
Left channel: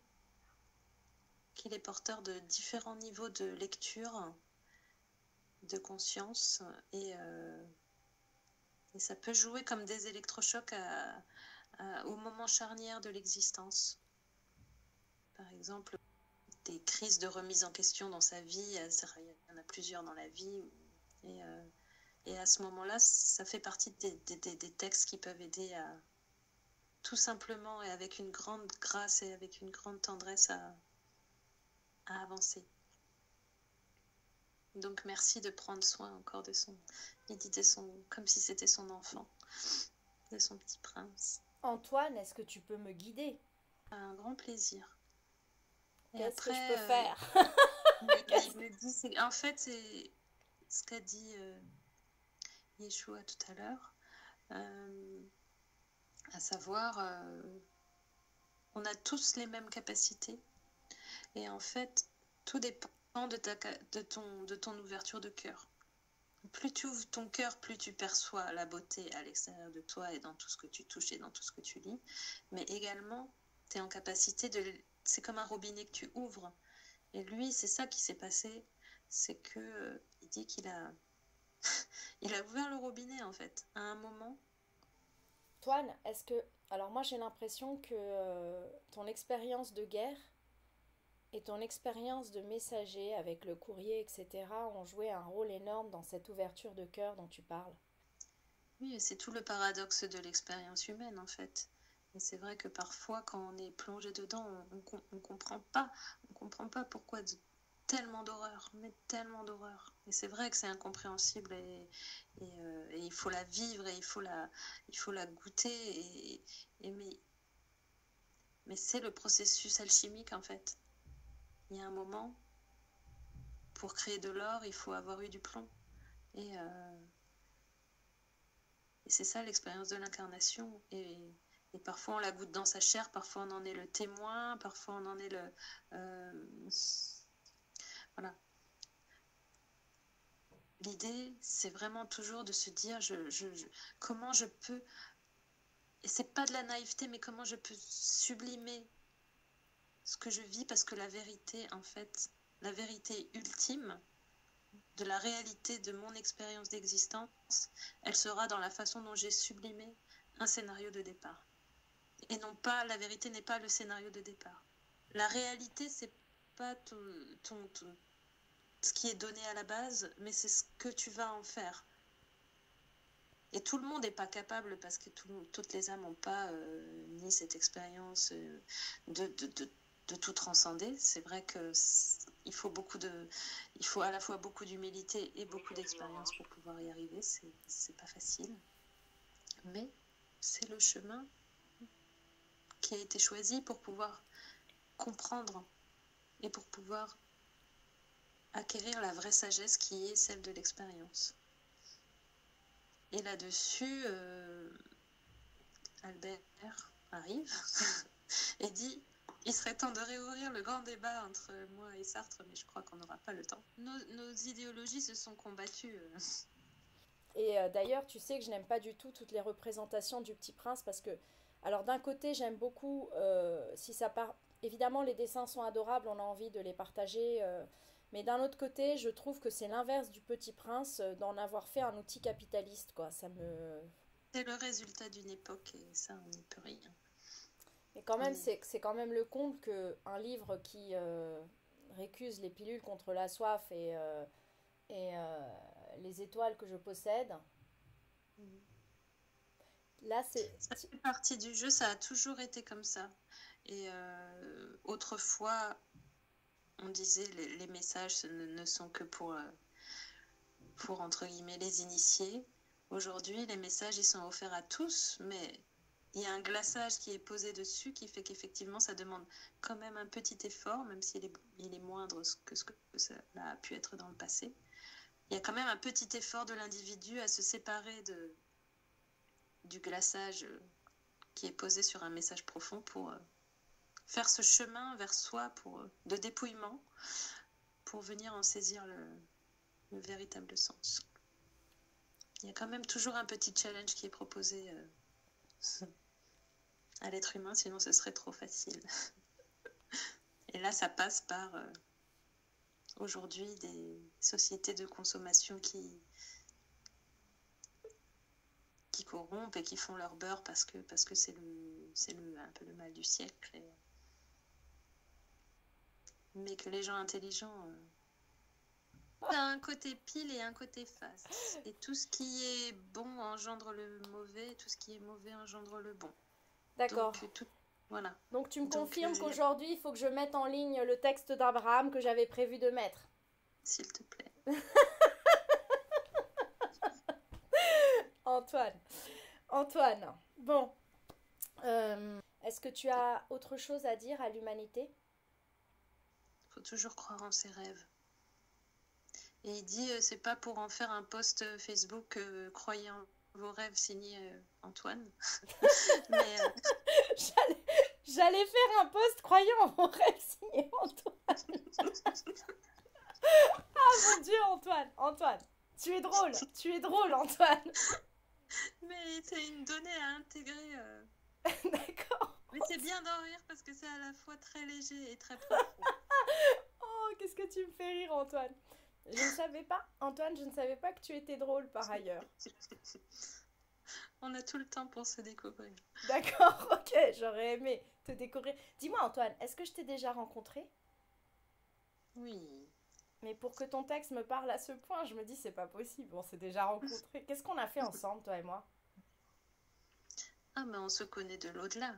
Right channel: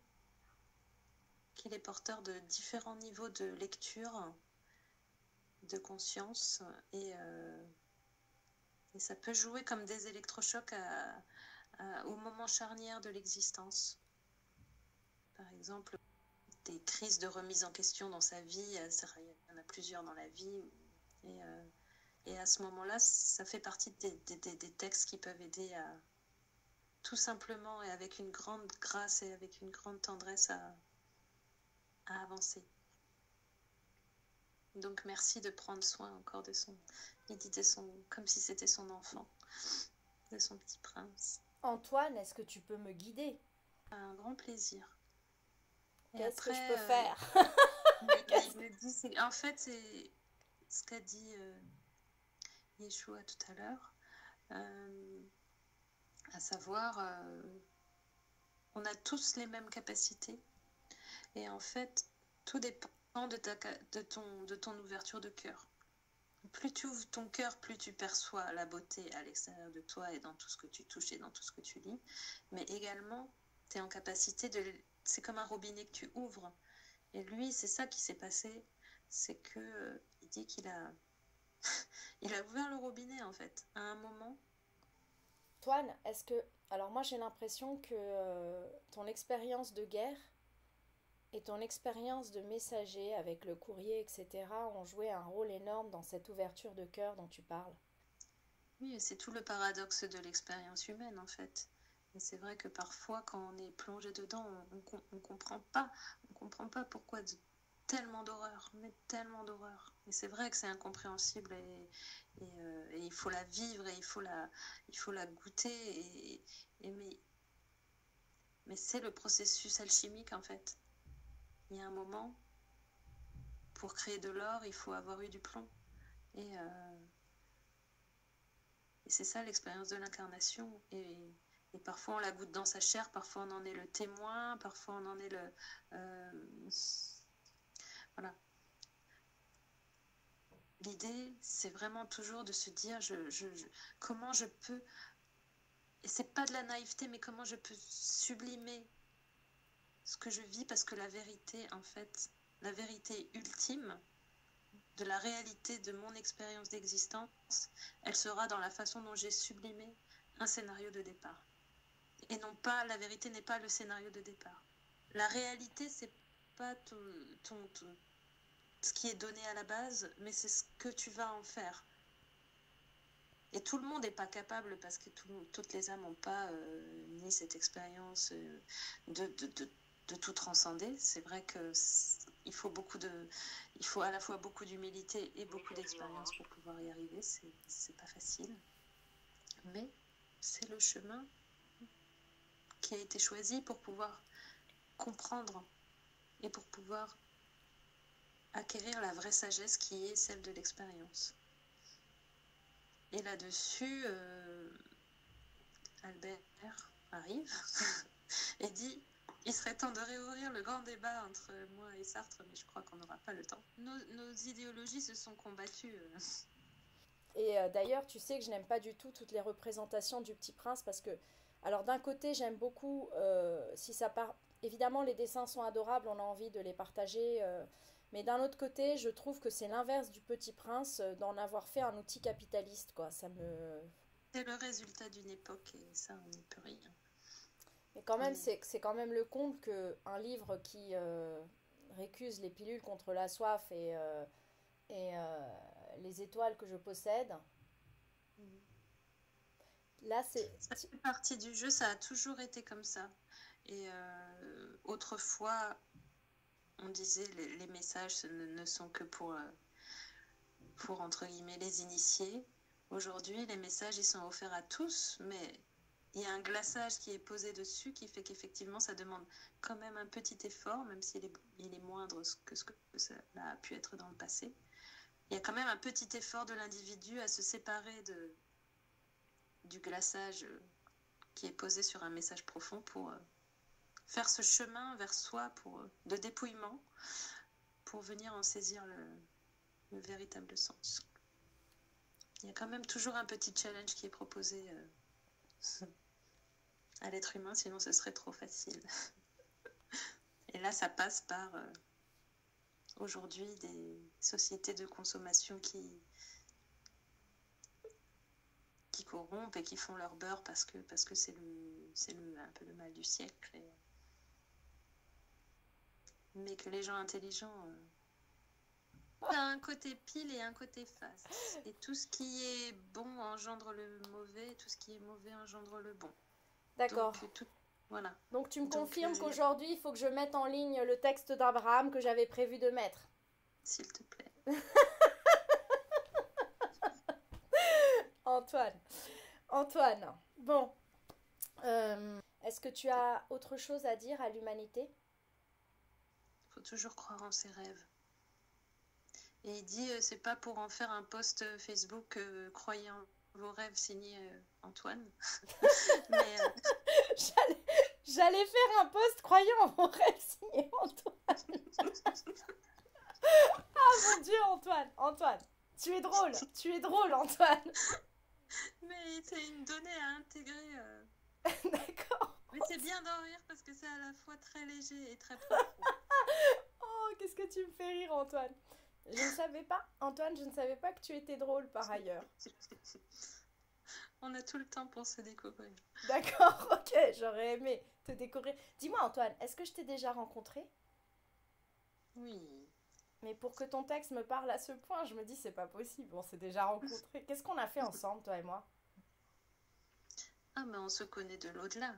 qu'il est porteur de différents niveaux de lecture, de conscience, et ça peut jouer comme des électrochocs au moment charnière de l'existence. Par exemple, des crises de remise en question dans sa vie, il y en a plusieurs dans la vie, et à ce moment-là, ça fait partie des textes qui peuvent aider à tout simplement et avec une grande grâce et avec une grande tendresse à avancer. Donc merci de prendre soin encore de il dit comme si c'était son enfant, de son petit prince. Antoine, est-ce que tu peux me guider? Un grand plaisir. Qu'est-ce que je peux faire? En fait, c'est ce qu'a dit Yeshua tout à l'heure, à savoir, on a tous les mêmes capacités, et en fait, tout dépend de ton ouverture de cœur. Plus tu ouvres ton cœur, plus tu perçois la beauté à l'extérieur de toi et dans tout ce que tu touches et dans tout ce que tu lis, mais également, tu es en capacité c'est comme un robinet que tu ouvres. Et lui, c'est ça qui s'est passé, c'est que il dit qu'il a il a ouvert le robinet en fait, à un moment. Antoine, est-ce que... Alors moi j'ai l'impression que ton expérience de guerre et ton expérience de messager avec le courrier, etc., ont joué un rôle énorme dans cette ouverture de cœur dont tu parles. Oui, c'est tout le paradoxe de l'expérience humaine en fait. Et c'est vrai que parfois, quand on est plongé dedans, on comprend pas. On comprend pas pourquoi tellement d'horreur, mais tellement d'horreur. Et c'est vrai que c'est incompréhensible et il faut la vivre et il faut la goûter. Mais c'est le processus alchimique en fait. Il y a un moment, pour créer de l'or, il faut avoir eu du plomb. Et c'est ça l'expérience de l'incarnation. Et parfois on la goûte dans sa chair, parfois on en est le témoin, parfois on en est Voilà. L'idée, c'est vraiment toujours de se dire comment je peux, et c'est pas de la naïveté, mais comment je peux sublimer ce que je vis, parce que la vérité, en fait, la vérité ultime de la réalité de mon expérience d'existence, elle sera dans la façon dont j'ai sublimé un scénario de départ. Et non pas, la vérité n'est pas le scénario de départ. La réalité, c'est pas ce qui est donné à la base, mais c'est ce que tu vas en faire. Et tout le monde n'est pas capable, parce que toutes les âmes n'ont pas ni cette expérience de tout transcender. C'est vrai qu'il faut à la fois beaucoup d'humilité et beaucoup d'expérience pour pouvoir y arriver. C'est pas facile. Mais c'est le chemin qui a été choisi pour pouvoir comprendre et pour pouvoir acquérir la vraie sagesse qui est celle de l'expérience. Et là-dessus, Albert arrive et dit « Il serait temps de réouvrir le grand débat entre moi et Sartre, mais je crois qu'on n'aura pas le temps. » Nos idéologies se sont combattues. Et d'ailleurs, tu sais que je n'aime pas du tout toutes les représentations du Petit Prince parce que, alors d'un côté, j'aime beaucoup, si ça part, évidemment, les dessins sont adorables, on a envie de les partager, mais d'un autre côté, je trouve que c'est l'inverse du Petit Prince, d'en avoir fait un outil capitaliste, quoi. Ça me... C'est le résultat d'une époque et ça, on n'y peut rien. Mais quand même, c'est quand même le comble qu'un livre qui récuse les pilules contre la soif et les étoiles que je possède, là, c'est... Ça fait partie du jeu, ça a toujours été comme ça. Et autrefois, on disait les messages ne sont que pour entre guillemets les initiés. Aujourd'hui, les messages ils sont offerts à tous, mais il y a un glaçage qui est posé dessus qui fait qu'effectivement ça demande quand même un petit effort, même s'il est moindre que ce que ça a pu être dans le passé. Il y a quand même un petit effort de l'individu à se séparer du glaçage qui est posé sur un message profond pour faire ce chemin vers soi de dépouillement pour venir en saisir le véritable sens. Il y a quand même toujours un petit challenge qui est proposé à l'être humain, sinon ce serait trop facile. Et là, ça passe par aujourd'hui des sociétés de consommation qui corrompent et qui font leur beurre parce que c'est un peu le mal du siècle. Mais que les gens intelligents... Il y a un côté pile et un côté face. Et tout ce qui est bon engendre le mauvais, tout ce qui est mauvais engendre le bon. D'accord. Voilà. Donc tu me confirmes qu'aujourd'hui, il faut que je mette en ligne le texte d'Abraham que j'avais prévu de mettre. S'il te plaît. Antoine, bon. Est-ce que tu as autre chose à dire à l'humanité ? Il faut toujours croire en ses rêves. Et il dit, c'est pas pour en faire un post Facebook croyez en vos rêves signé Antoine. Mais j'allais faire un post croyant en vos rêves signé Antoine. Ah mon Dieu, Antoine, tu es drôle Antoine. Mais c'est une donnée à intégrer. D'accord. Mais c'est bien d'en rire parce que c'est à la fois très léger et très profond. Oh, qu'est-ce que tu me fais rire Antoine. Je ne savais pas, Antoine, que tu étais drôle par ailleurs. On a tout le temps pour se découvrir. D'accord, ok, j'aurais aimé te découvrir. Dis-moi Antoine, est-ce que je t'ai déjà rencontré ? Oui. Mais pour que ton texte me parle à ce point, je me dis c'est pas possible, on s'est déjà rencontrés. Qu'est-ce qu'on a fait ensemble, toi et moi ? Ah, mais on se connaît de l'au-delà.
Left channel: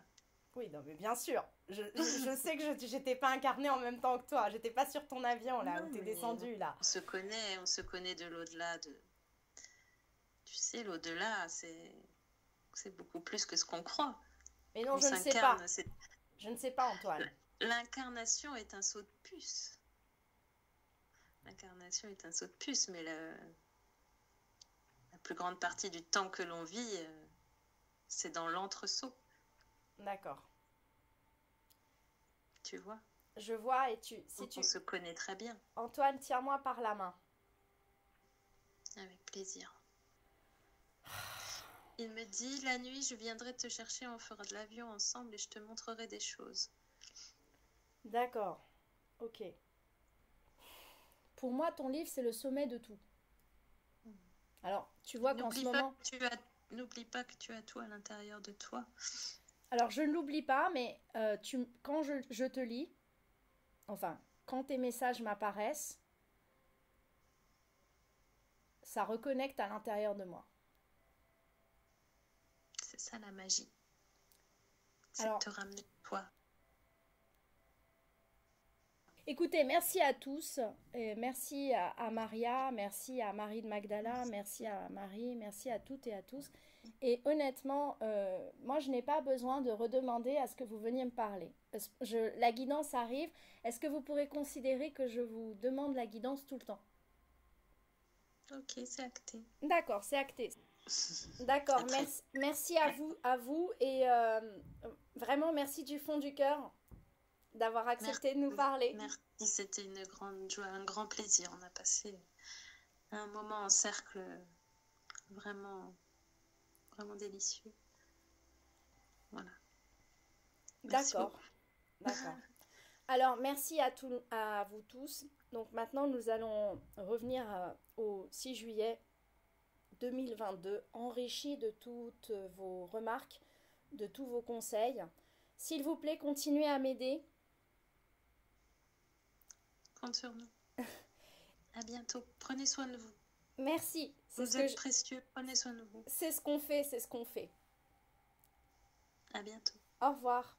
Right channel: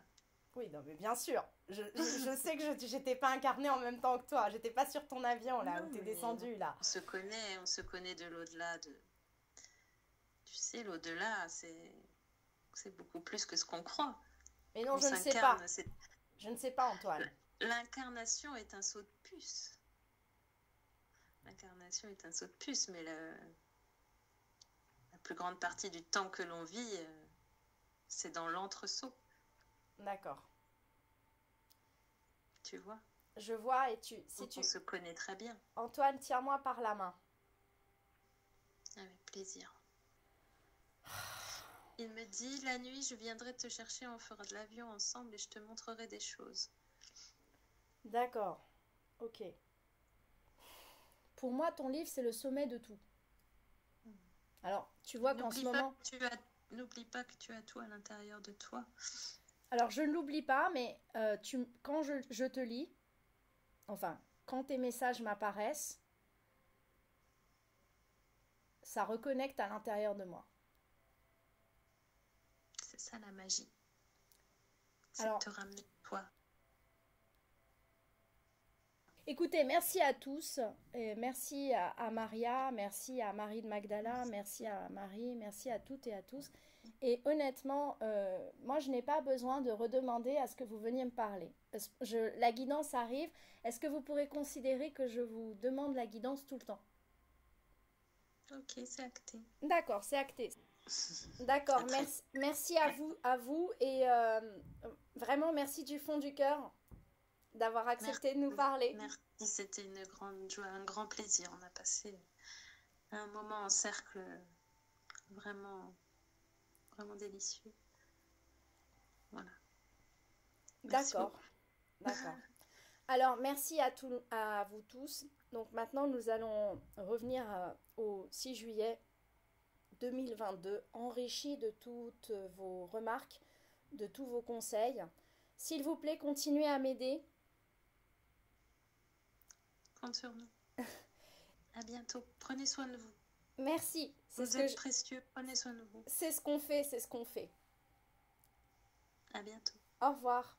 Oui, non, mais bien sûr. Je sais que j'étais pas incarnée en même temps que toi. J'étais pas sur ton avion, là, où t'es descendu, là. On se connaît de l'au-delà. Tu sais, l'au-delà, c'est beaucoup plus que ce qu'on croit. Mais non, je ne sais pas. Je ne sais pas, Antoine. L'incarnation est un saut de puce. L'incarnation est un saut de puce, mais la plus grande partie du temps que l'on vit, c'est dans l'entre-saut. D'accord. Tu vois ? Je vois et si Donc on se connaît très bien. Antoine, tiens-moi par la main. Avec plaisir. Il me dit, la nuit, je viendrai te chercher, on fera de l'avion ensemble et je te montrerai des choses. D'accord. Ok. Pour moi, ton livre, c'est le sommet de tout. Alors, tu vois qu'en ce moment... N'oublie pas que tu as tout à l'intérieur de toi. Alors, je ne l'oublie pas, mais quand je te lis, enfin, quand tes messages m'apparaissent, ça reconnecte à l'intérieur de moi. C'est ça la magie. C'est Alors, de te ramener toi. Écoutez, merci à tous. Et merci à Maria, merci à Marie de Magdala, merci à Marie, merci à toutes et à tous. Et honnêtement, moi, je n'ai pas besoin de redemander à ce que vous veniez me parler. La guidance arrive. Est-ce que vous pourrez considérer que je vous demande la guidance tout le temps? Ok, c'est acté. D'accord, c'est acté. D'accord, merci à vous et vraiment merci du fond du cœur d'avoir accepté de nous parler. Merci, c'était une grande joie, un grand plaisir. On a passé un moment en cercle vraiment, vraiment délicieux. Voilà. D'accord. Alors, merci à vous tous. Donc maintenant, nous allons revenir au 6 juillet 2022, enrichi de toutes vos remarques, de tous vos conseils. S'il vous plaît, continuez à m'aider. Compte sur nous. À bientôt. Prenez soin de vous. Merci. Vous êtes précieux. Prenez soin de vous. C'est ce qu'on fait, c'est ce qu'on fait. À bientôt. Au revoir.